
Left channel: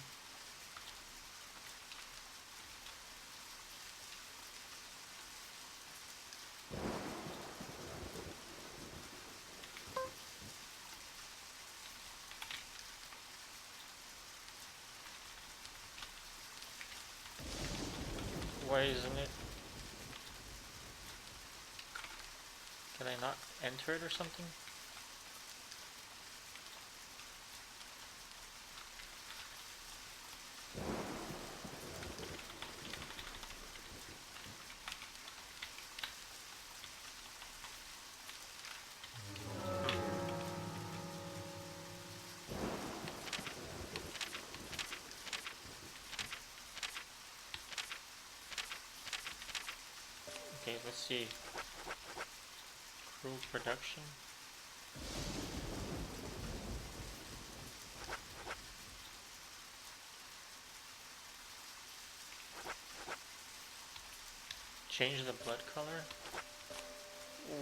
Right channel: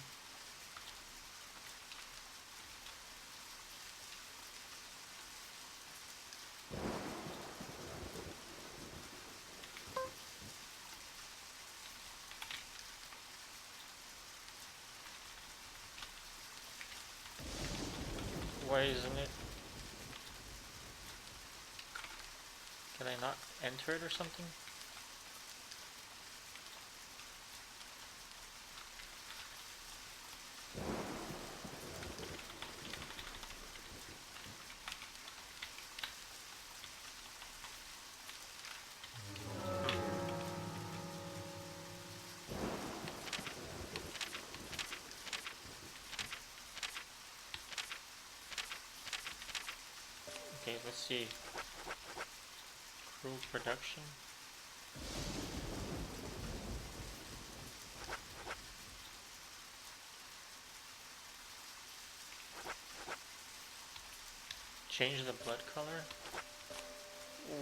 Why isn't it? Can I not enter it or something? Okay, let's see. Crew production. Change the blood color.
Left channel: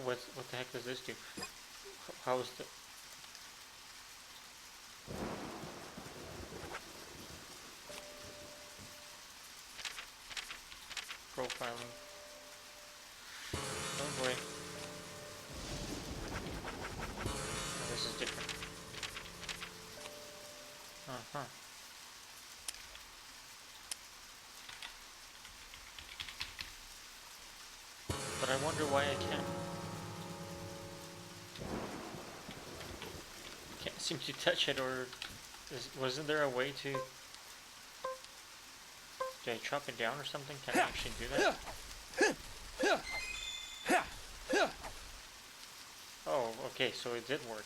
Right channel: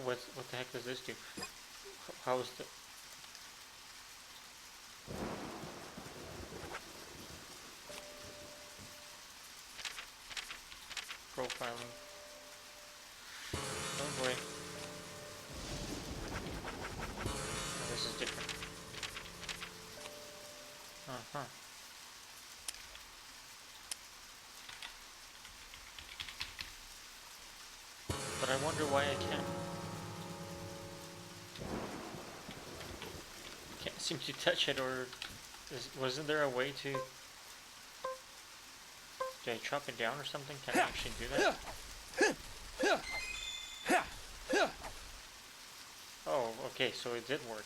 What the heck does this do? How is the... Profiling. Oh boy. Oh, this is different. Uh-huh. But I wonder why I can't seem to touch it, or wasn't there a way to... Did I chop it down or something? Can I actually do that? Oh, okay, so it did work.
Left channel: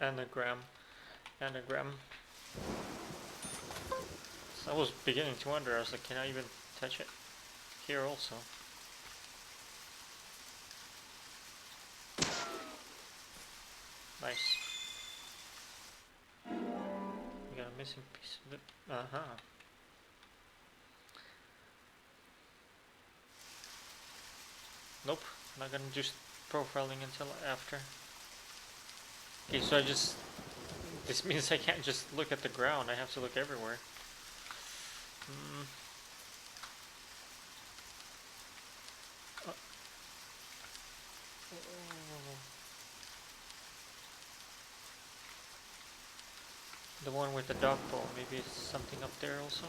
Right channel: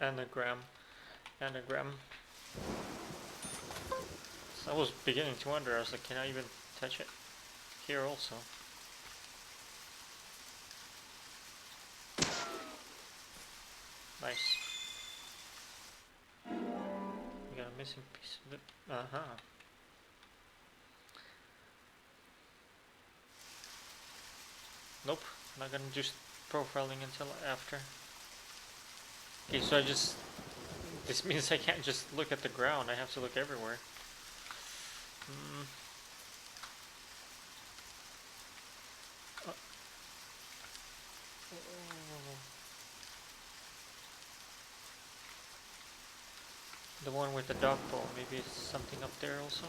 Anagram. So I was beginning to wonder, I was like, can I even touch it here also? Nice. We got a missing piece of it. Uh-huh. Nope, not gonna do profiling until after. Okay, so this means I can't just look at the ground, I have to look everywhere. The one with the dog bowl, maybe it's something up there also.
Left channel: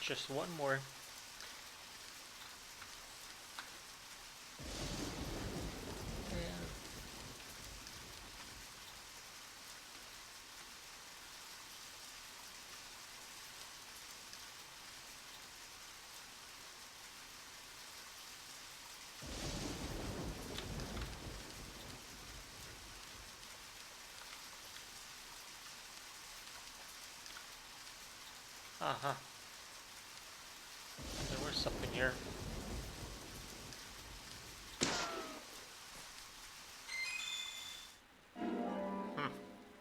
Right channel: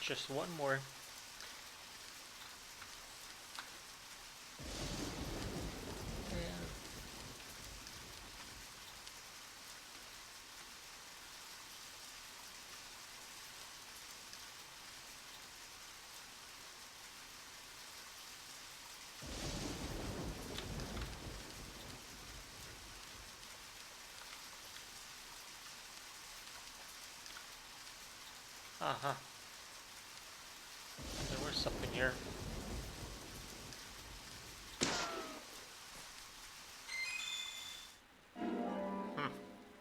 Just one more. Uh-huh. There was something here.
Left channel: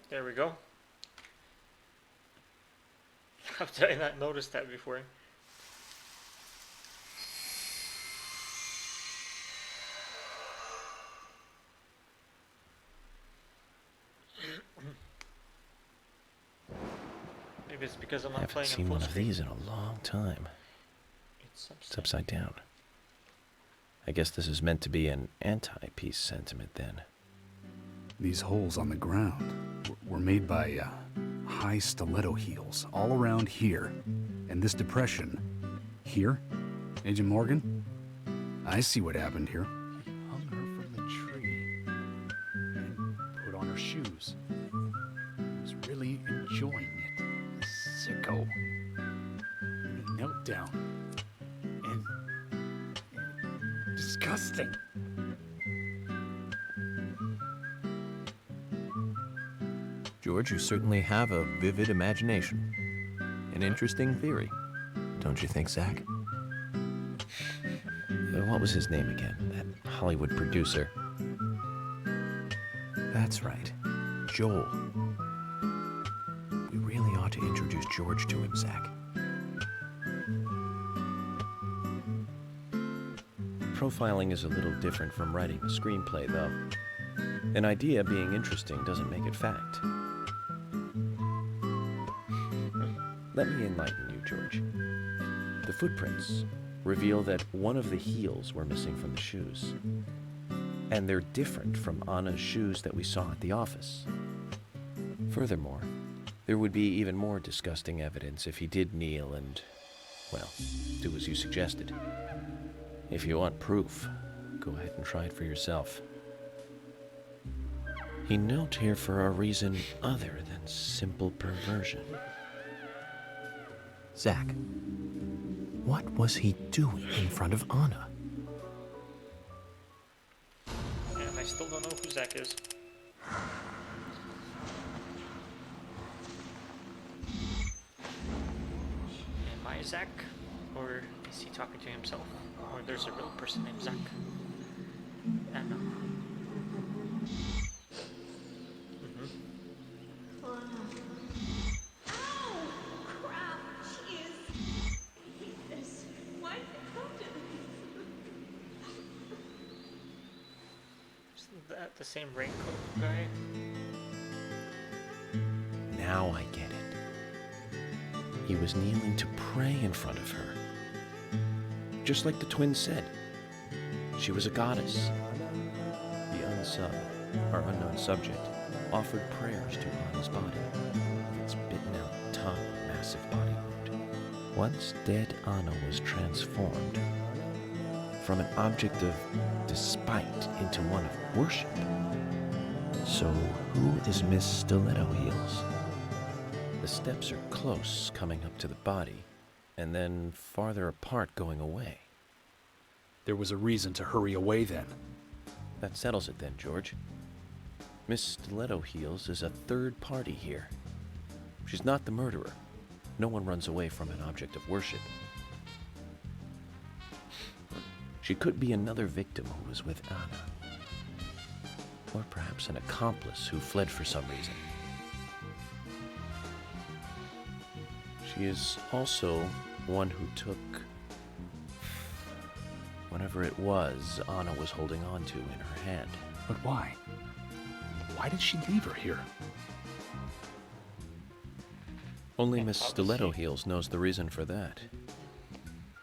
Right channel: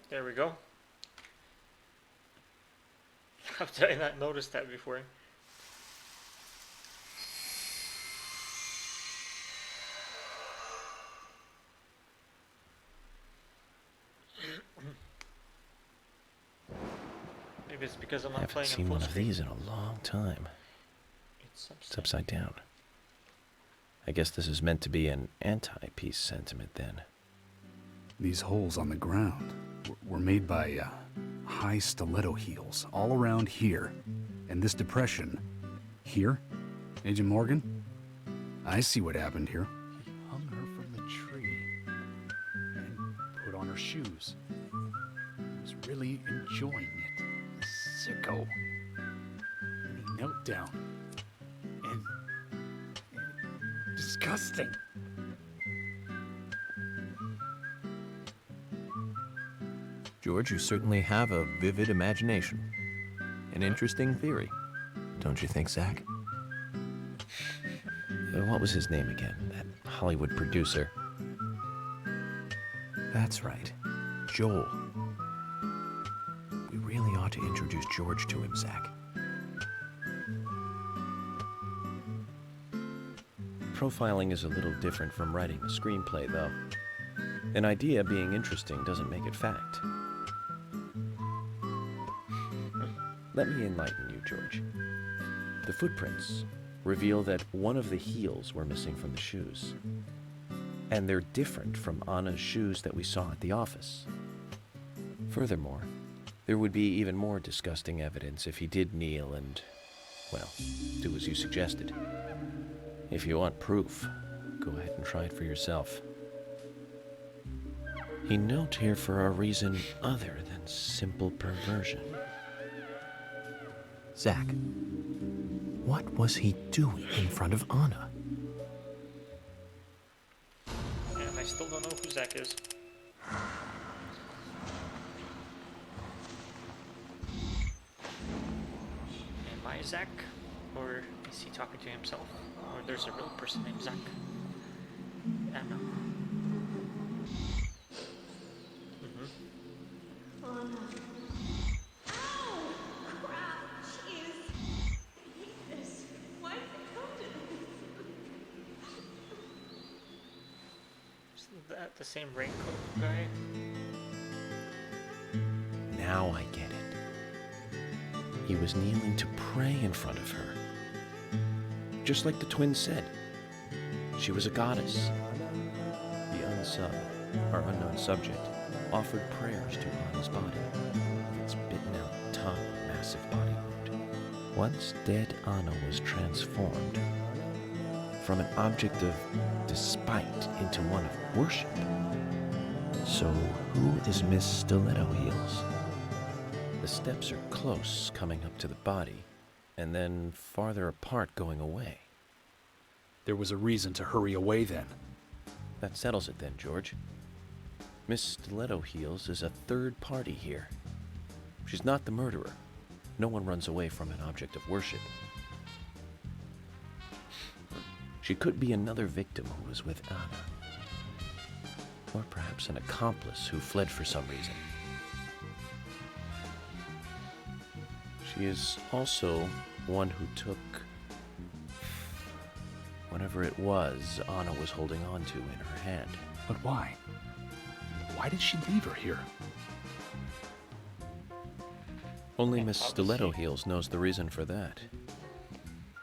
There we go. How did I not notice that before? Maybe it's because I'm not playing. I haven't seen one of these in a long time. It's upside down. I guess this is meant to be an anti-peace sentiment then. These holes on the ground were made by high stiletto heels all around here. And this depression here, Agent Morgan, I see what happened here. He hung her from the tree and put on her shoes. He was really enjoying it. Sicko. And he knelt down. And disgusting. George, you certainly have a vivid imagination. An interesting theory. Don't you think, Zach? What was his name again? That Hollywood producer. That's right. Joel. We really ought to introduce George to him, Zach. Profiling is a little different from writing a screenplay, though. An idea being interesting doesn't make it fact. Let me enlighten you, George. The footprints reveal that one of the heels were missing from the shoes. And they're different from Anna's shoes that we saw at the office. Furthermore, there would be even more disgusting evidence if he did kneel and, well, do as you suggested. If you want proof, go ahead and try it for yourself. He knelt here for a reason other than simple perversion. Zach, what was he doing in front of Anna? And I still don't know who Zach is. Am I Zach? Or is he talking to himself? Or there's a real person named Zach? I don't know. that the same raincoat guy? Now I get it. He was kneeling to pray in front of her. Just like the twins said. She was a goddess. The unsub, our unknown subject, offered prayers to Anna's body. Its bitten out tongue, a massive body wound. Once dead Anna was transformed from an object of despite into one of worship. So who is Miss Stiletto Heels? The steps are close coming up to the body, and then farther apart going away. There was a reason to hurry away then. That settles it then, George. Miss Stiletto Heels is a third party here. She's not the murderer. No one runs away from an object of worship. She could be another victim who was with Anna. Or perhaps an accomplice who fled for some reason. She is also one who took whatever it was Anna was holding on to in her hand. But why? Why did she leave her here? Only Miss Stiletto Heels knows the reason for that.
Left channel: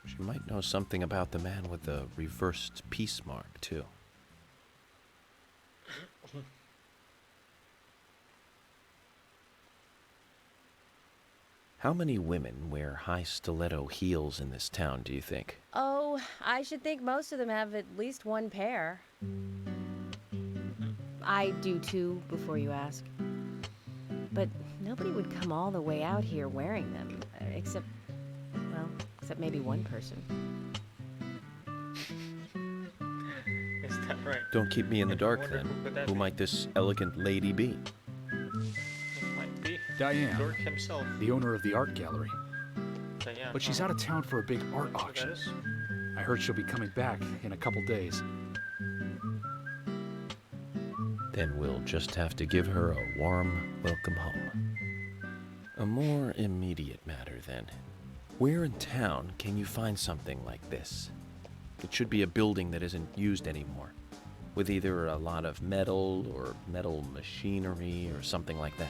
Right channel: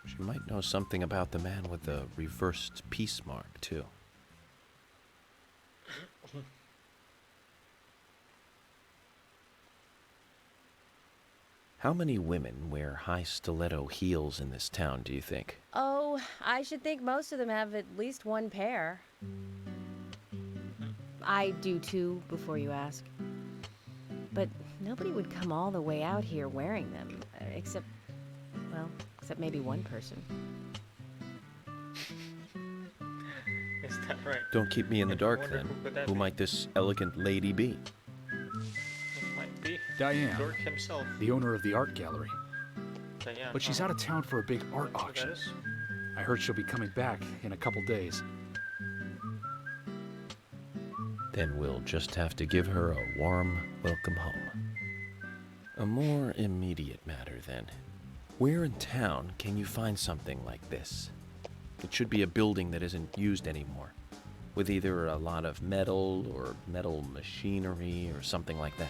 She might know something about the man with the reversed peace mark, too. How many women wear high stiletto heels in this town, do you think? Oh, I should think most of them have at least one pair. I do too, before you ask. But nobody would come all the way out here wearing them, except maybe one person. Is that right? Don't keep me in the dark, wonder then. who could that Who be? might this elegant lady be? It might be Diane, York himself. the owner of the art gallery. Diane, But she's out of town for a big art Who that auction. is? I heard she'll be coming back in a couple days. Then we'll just have to give her a warm welcome home. A more immediate matter, then. Where in town can you find something like this? It should be a building that isn't used anymore, with either a lot of metal or metal machinery or something like that.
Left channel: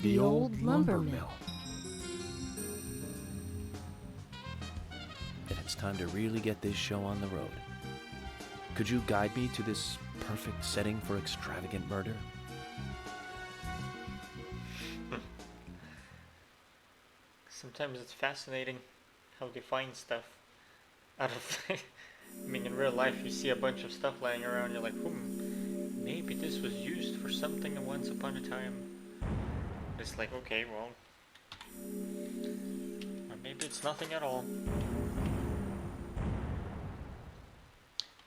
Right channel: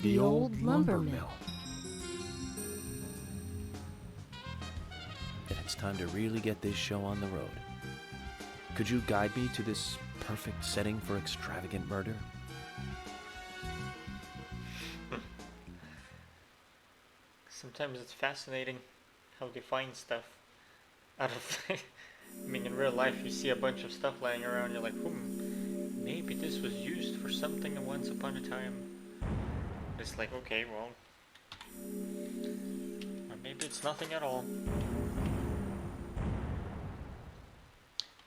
The old lumber mill. Then it's time to really get this show on the road. Could you guide me to this perfect setting for extravagant murder? Sometimes it's fascinating how they find stuff out of. I mean, in real life, you see a bunch of stuff lying around, you're like, maybe this was used for something once upon a time. It's like, okay, well, or maybe it's nothing at all.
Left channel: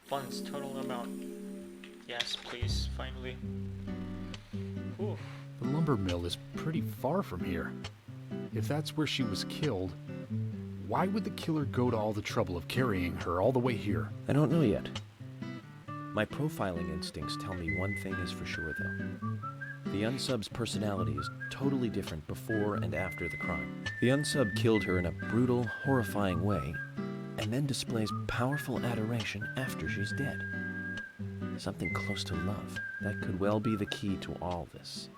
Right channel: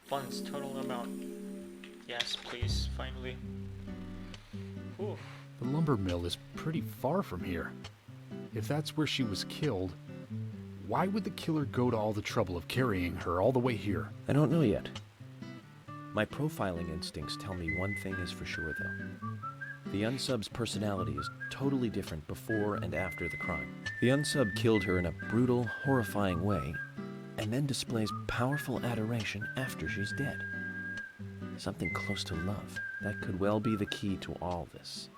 Funds total amount. Yes, please, finally. Oof. The lumber mill is pretty far from here. If that's where she was killed, why would the killer go to all the trouble of carrying her all the way here? I don't know yet. My profiling instincts tell me one thing is for sure, though. The unsub's personality is totally different before and after the crime. The unsub killed her in a brutal, horrifying way, and then displays powerful adoration after she's dead. Something close to love. That could well be the key to all this.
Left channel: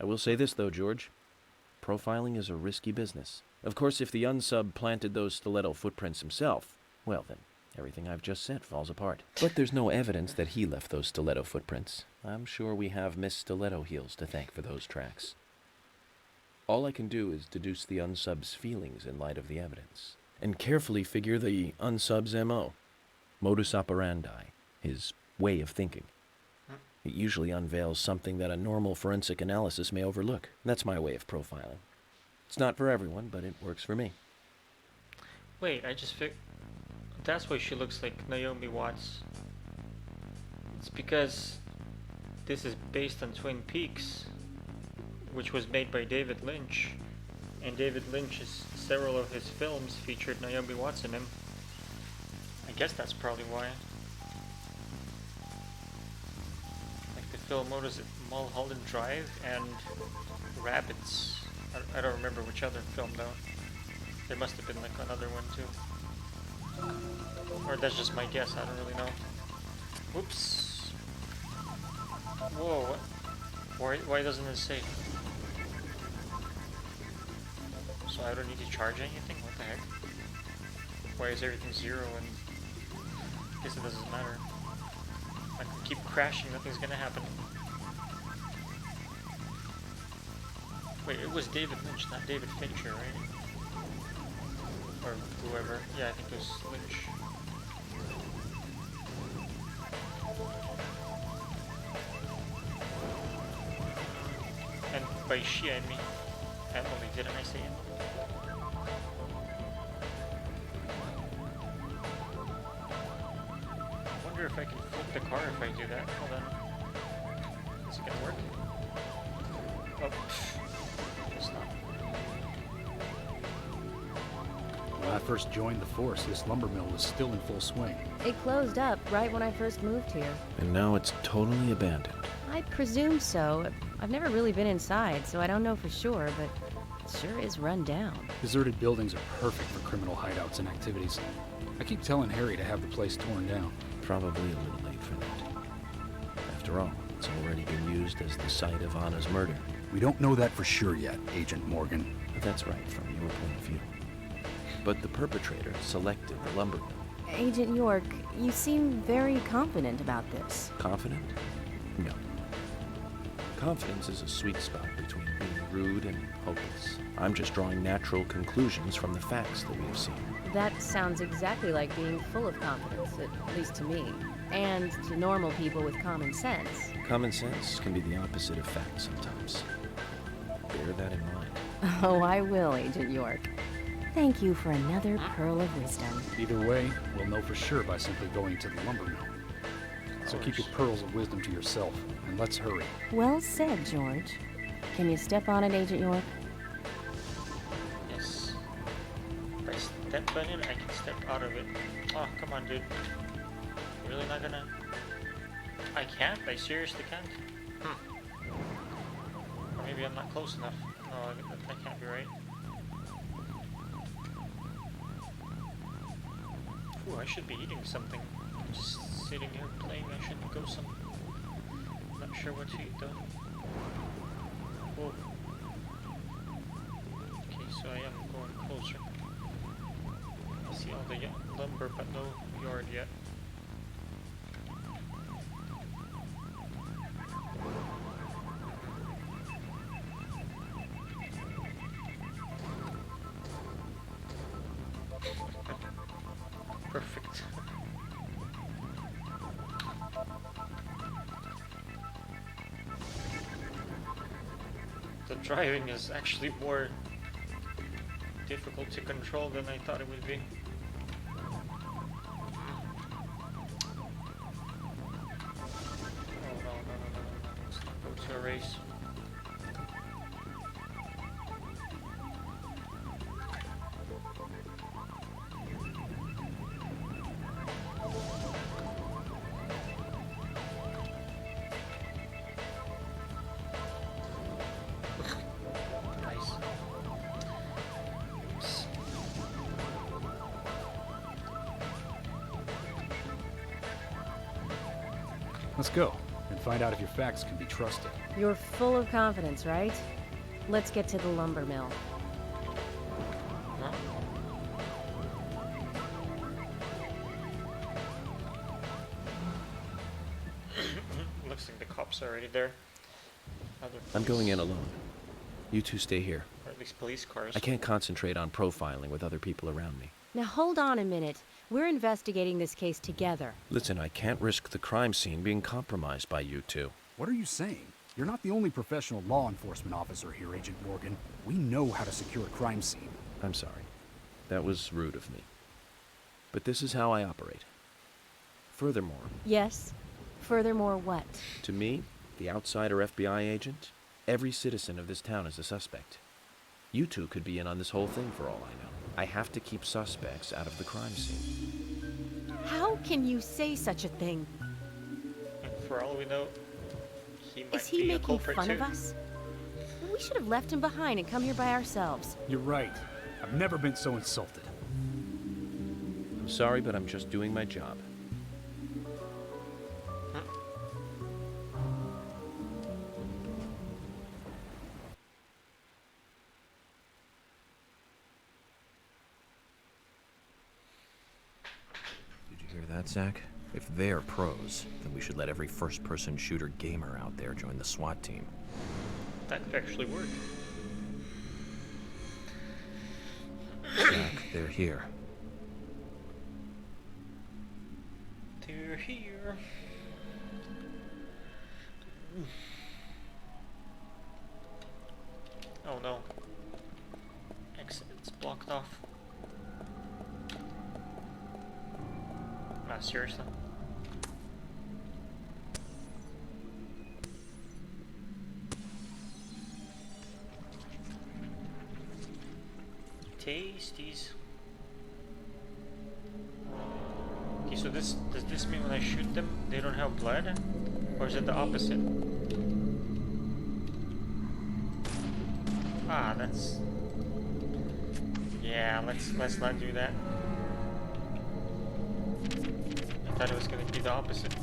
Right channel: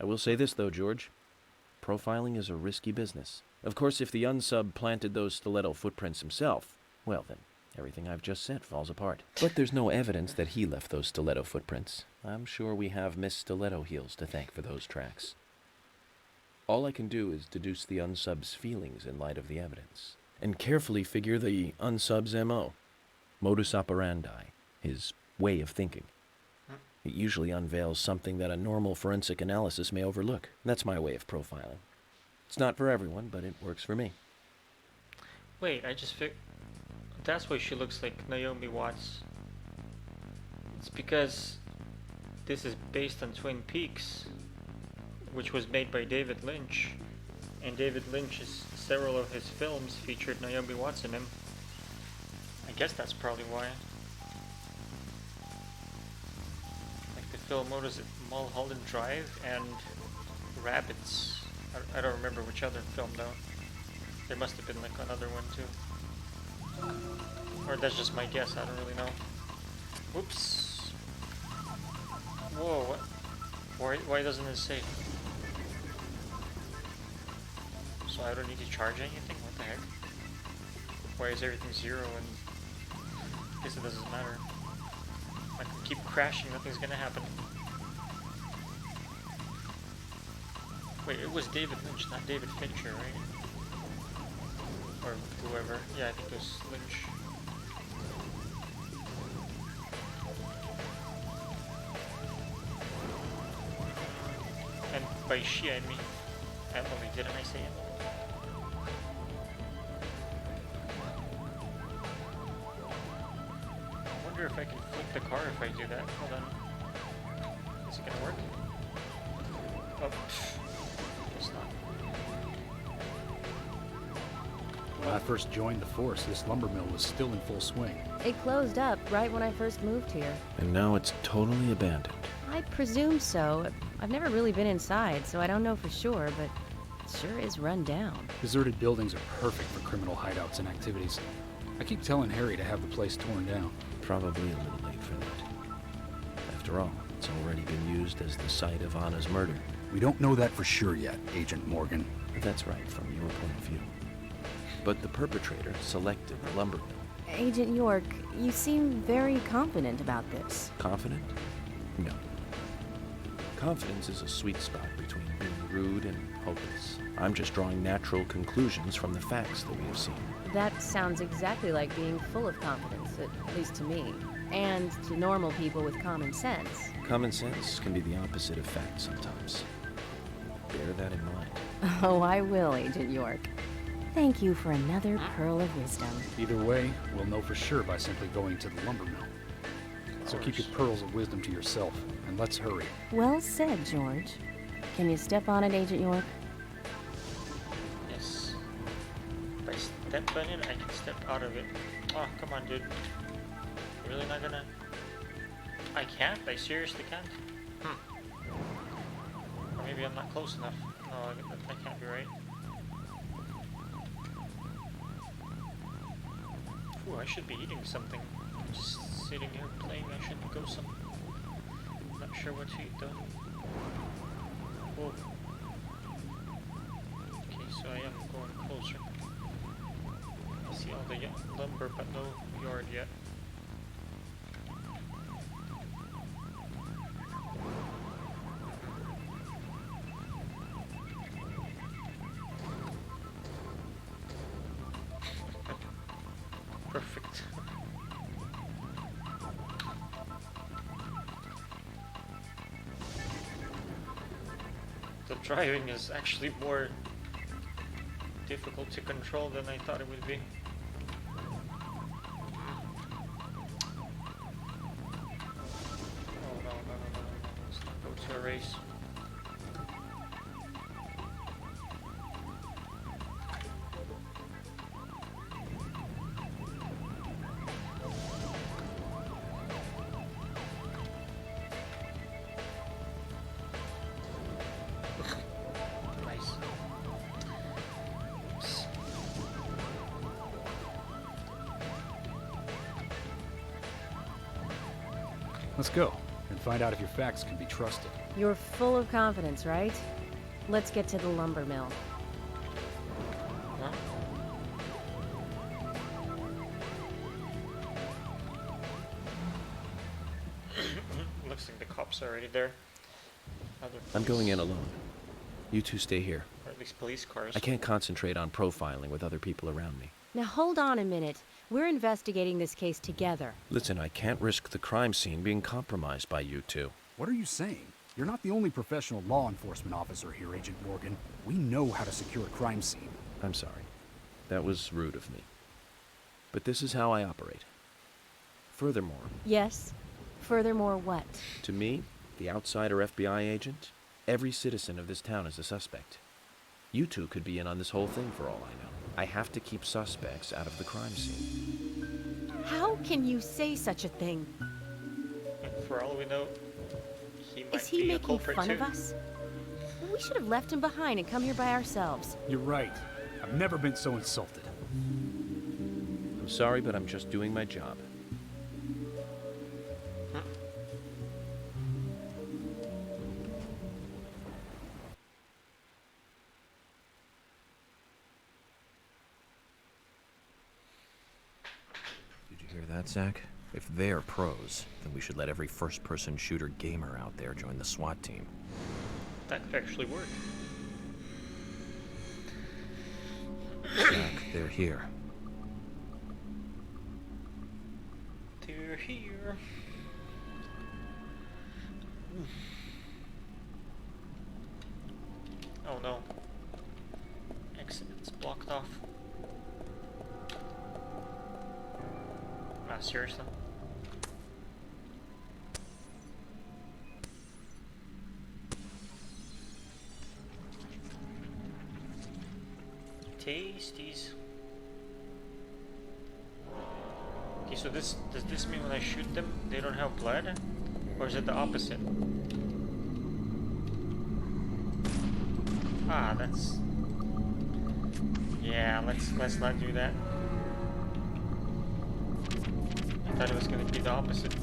I will say this, though, George. Profiling is a risky business. Of course, if the unsub planted those stiletto footprints himself, well then, everything I've just said falls apart. But there's no evidence that he left those stiletto footprints. I'm sure we have Miss Stiletto Heels to thank for those tracks. All I can do is deduce the unsub's feelings in light of the evidence, and carefully figure the unsub's MO, modus operandi, his way of thinking. It usually unveils something that a normal forensic analysis may overlook. That's my way of profiling. It's not for everyone, but it works for me. Wait, I just figured. That's why she looks like Naomi Watts. It's because this is based on Twin Peaks, which was made by David Lynch. And David Lynch's several of his films featured Naomi Watts in them. I guess that's probably why. Like the film, what is it? Mulholland Drive and Rabbits. I don't remember which other film though. There must have been like another one too. Or that's just my guess, I don't really know. Whoops. Whoa, what? Why doesn't it say? So I don't need to charge anything? What the heck? Why is everything 0 and... I guess it doesn't matter. I can keep crashing, nothing's gonna happen. Wait, it was David Lynch, not David Fincher, right? Or whoever. Yeah, I think it was Lynch. And by she, I mean Emily, didn't I say Emily? I wonder if I can flip the car if I do that. Hold on. Is it gonna work? Oh, it's not. When I first joined the force, this lumber mill was still in full swing. It closed up right when I first moved here. And now it's totally abandoned. I presume so. I've never really been inside, so I don't know for sure, but it sure is run down. Deserted buildings are perfect for criminal hideouts and activities. I keep telling Harry to have the place torn down. Probably a little late for that. After all, it's already been used as the site of Anna's murder. We don't know that for sure yet, Agent Morgan. But that's right, from your point of view. But the perpetrator selected the lumber mill. Agent York, you seem very confident about this. Confident? No. Confidence is a sweet spot between being rude and hopeless. I'm just drawing natural conclusions from the facts that we have seen. That sounds exactly like being full of confidence, at least to me. And to normal people with common sense. Common sense can be the opposite of fact sometimes. Bear that in mind. Oh, I will, Agent York. Thank you for another pearl of wisdom. Either way, we'll know for sure by simply going to the lumber mill. So keep your pearls of wisdom to yourself, and let's hurry. Well said, George. Can you step on it, Agent York? Yes. If I step on it, I can step out of it. Oh, come on, dude. You're really not gonna... I can't? I seriously can't? Or maybe I'm not close enough. No, that can't be right. Ooh, I should be eating something. Just sitting here playing, I should go some... Not sure what to eat though. Whoa. Okay, so I am going closer. I see all the lumber, but no yard yet. Perfect. The driving is actually more difficult to control than I thought it would be. Oh no. Let's not go to a race. Let's go, and find out if your facts can be trusted. You're full of confidence, right? Let's get to the lumber mill. Huh? Looks like the cops are already there. I'm going in alone. You two stay here. Or at least police cars. I can't concentrate on profiling with other people around me. Now hold on a minute. We're investigating this case together. Listen, I can't risk the crime scene being compromised by you two. What are you saying? You're not the only professional law enforcement officer here, Agent Morgan. We know how to secure a crime scene. I'm sorry. That was rude of me. But this is how I operate. Furthermore... Yes? Furthermore what? To me, the outsider FBI agent, every citizen of this town is a suspect. You two could be in on this whole thing for all I know. I have to keep suspects out of the crime scene. How can you say such a thing? For all we know, he might Is he be a making culprit fun too. of us? We should have left him behind and come here by ourselves. You're right. I've never been so insulted. I'm sorry, but I'm just doing my job. Hear that, Zach? If they're pros, then we should let every first-person shooter gamer out there join the SWAT team. That could actually work. Zach, they're here. They're here. Oh no. Exit's blocked off. Nah, seriously. Tasties. Okay, so does this mean when I shoot them they don't have blood? Or is it the opposite? Ah, that's... Yeah, let's not do that. I thought it was gonna be the opposite.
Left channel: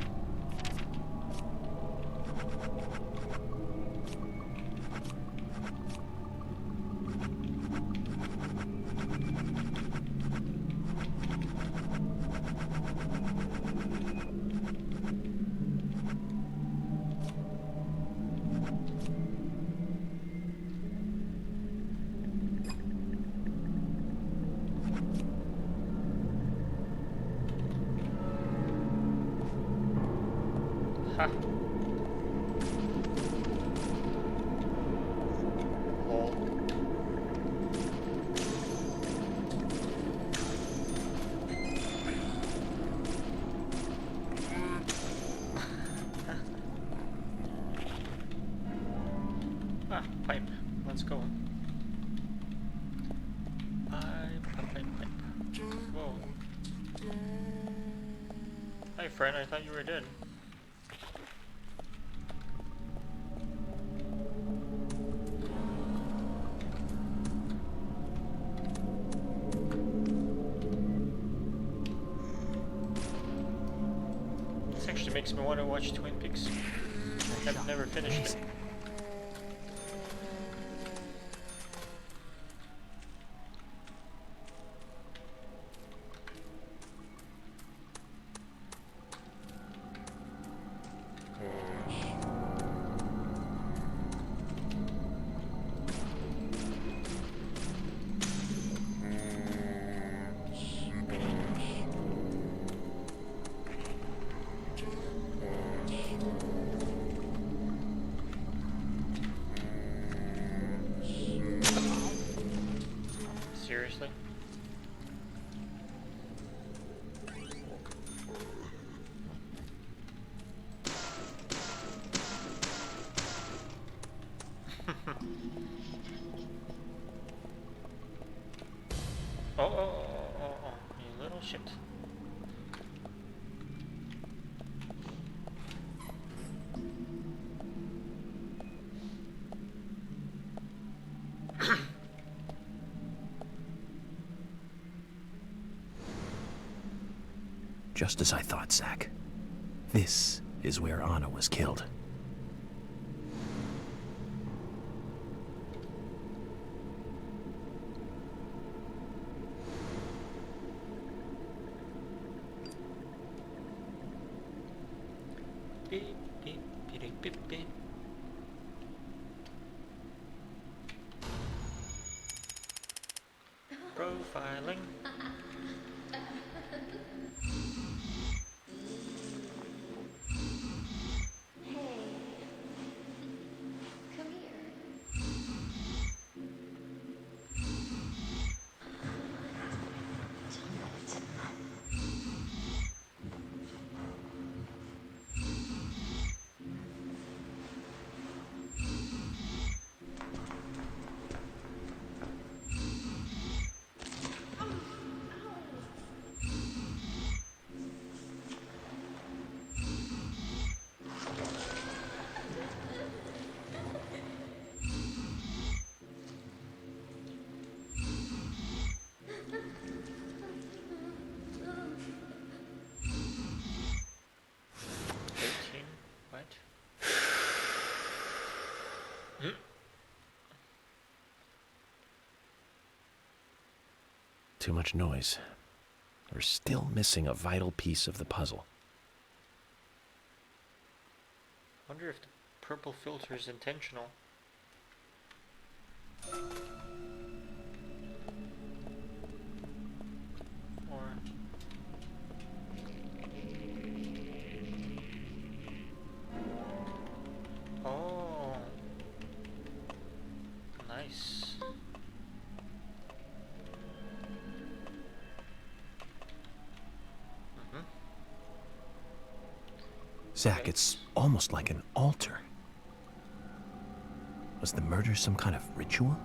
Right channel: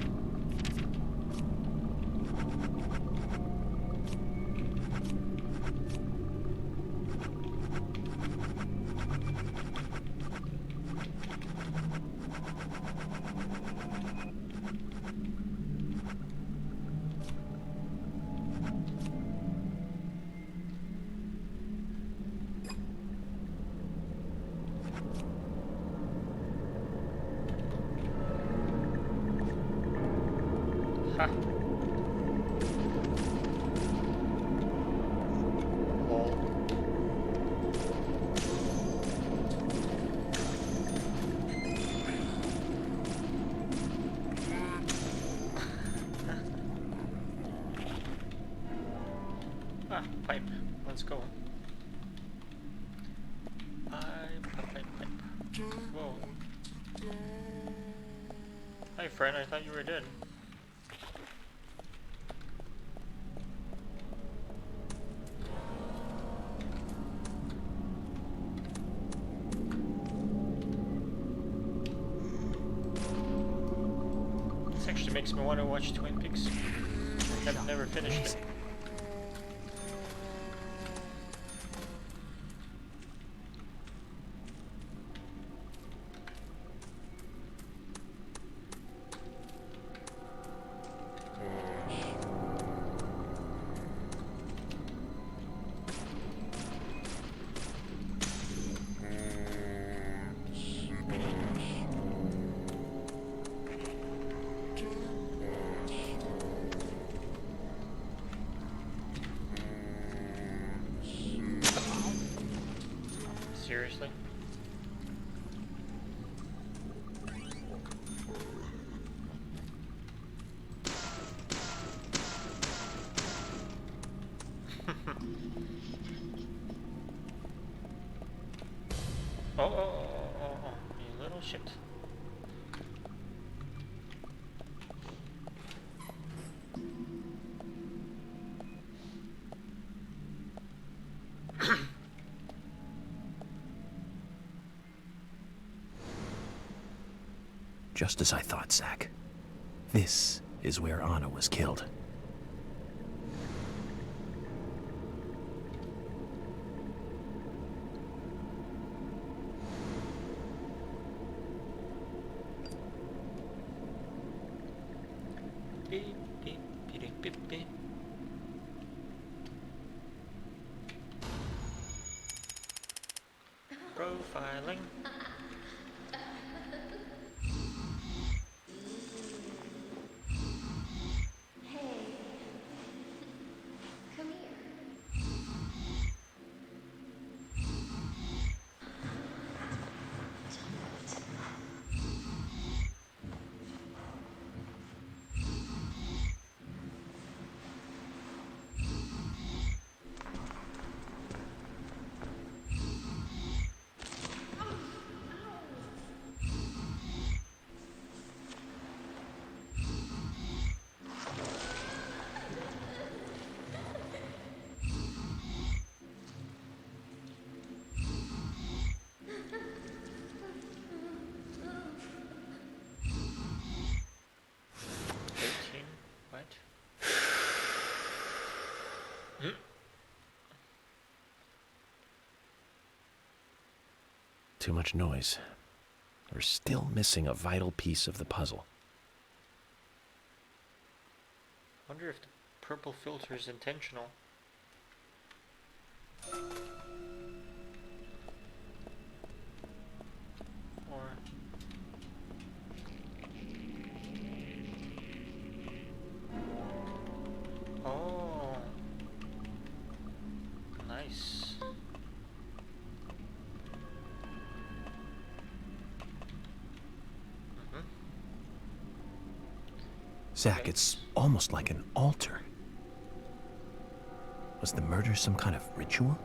Ha. Lol. Ah, pipe. Let's go. Pipe. Whoa. Hi, friend. I thought you were dead. This actually makes me want to watch Twin Peaks. I've never finished it. Seriously? Oh, you little shit. Just as I thought, Zach. This is where Anna was killed. Beep, beep, beep, beep, beep. Profiling. Come here. What? Too much noise. We're still missing a vital piece of the puzzle. I wonder if the purple filter is intentional. Or... Oh... Nice. Zach, it's almost like an altar. Was the murder some kind of ritual?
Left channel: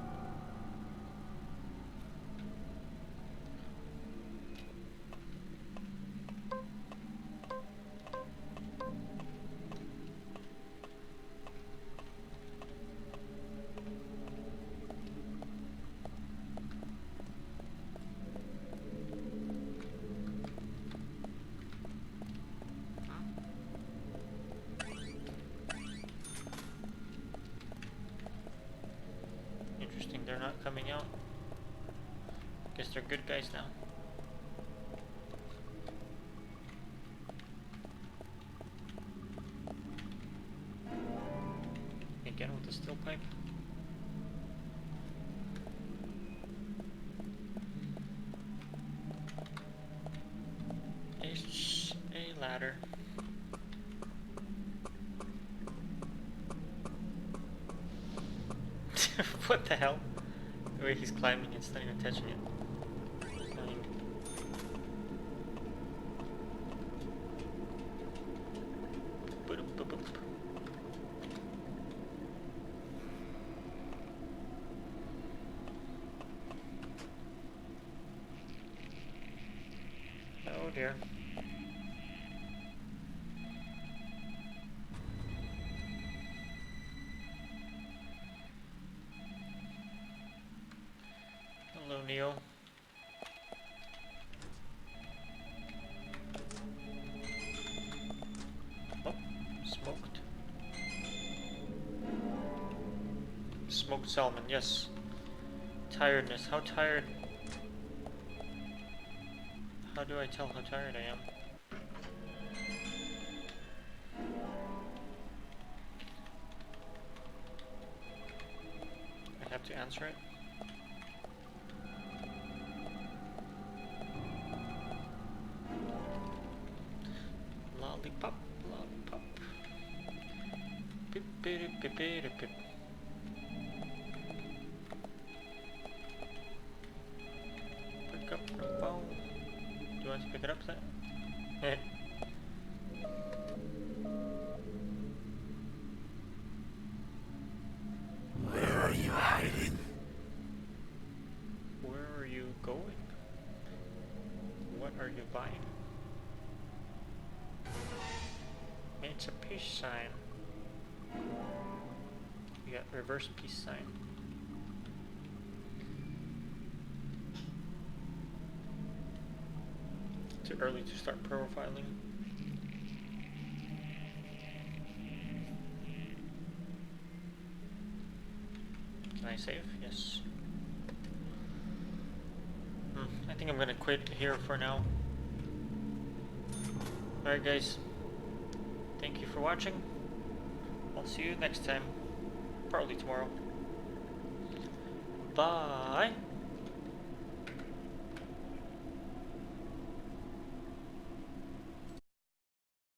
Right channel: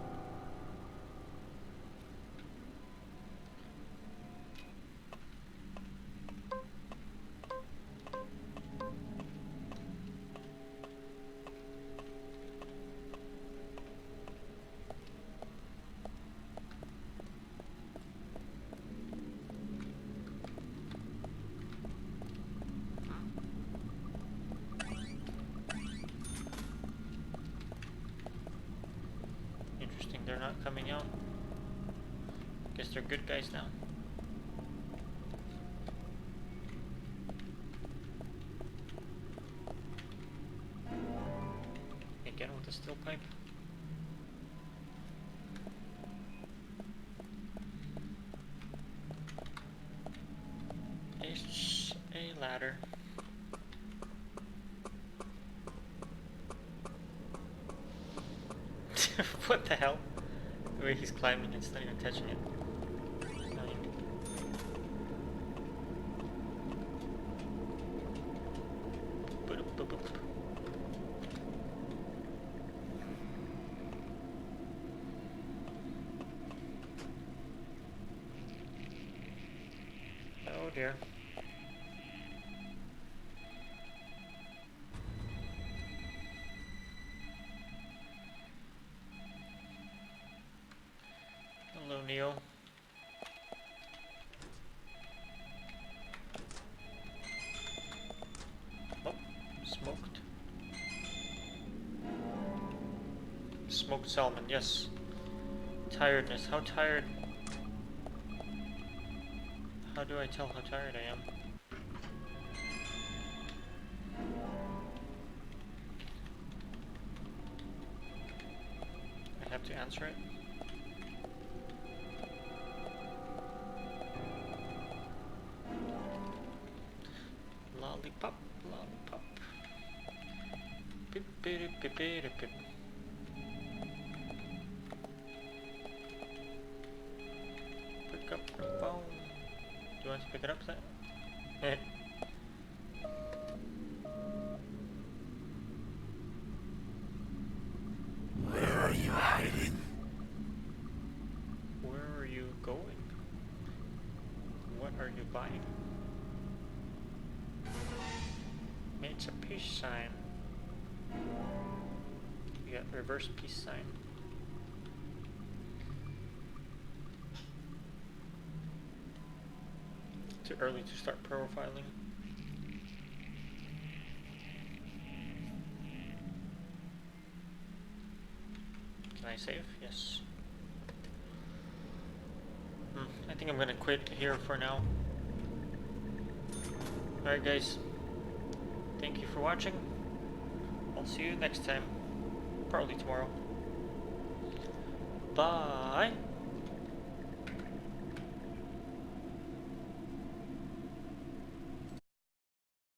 Interesting, they're not coming out. Guess they're good guys now. Again with the steel pipe. It's a ladder. What the hell? The way he's climbing, it's not even touching it. Fine. Boop. Oh dear. Hello, Neo. Oh, smoked. Smoked salmon, yes. Tiredness, how tired? How do I tell how tired I am? I have to answer it. Lollipop, lollipop. Pip, pip, pip, pip, pip. Pick up the phone. Do you want to pick it up, Sam? Where are you hiding? Where are you going? What are you buying? It's a peace sign. You got reverse peace sign. Too early to start profiling. Can I save? Yes. I think I'm gonna quit here for now. Alright guys. Thank you for watching. I'll see you next time. Probably tomorrow. Bye!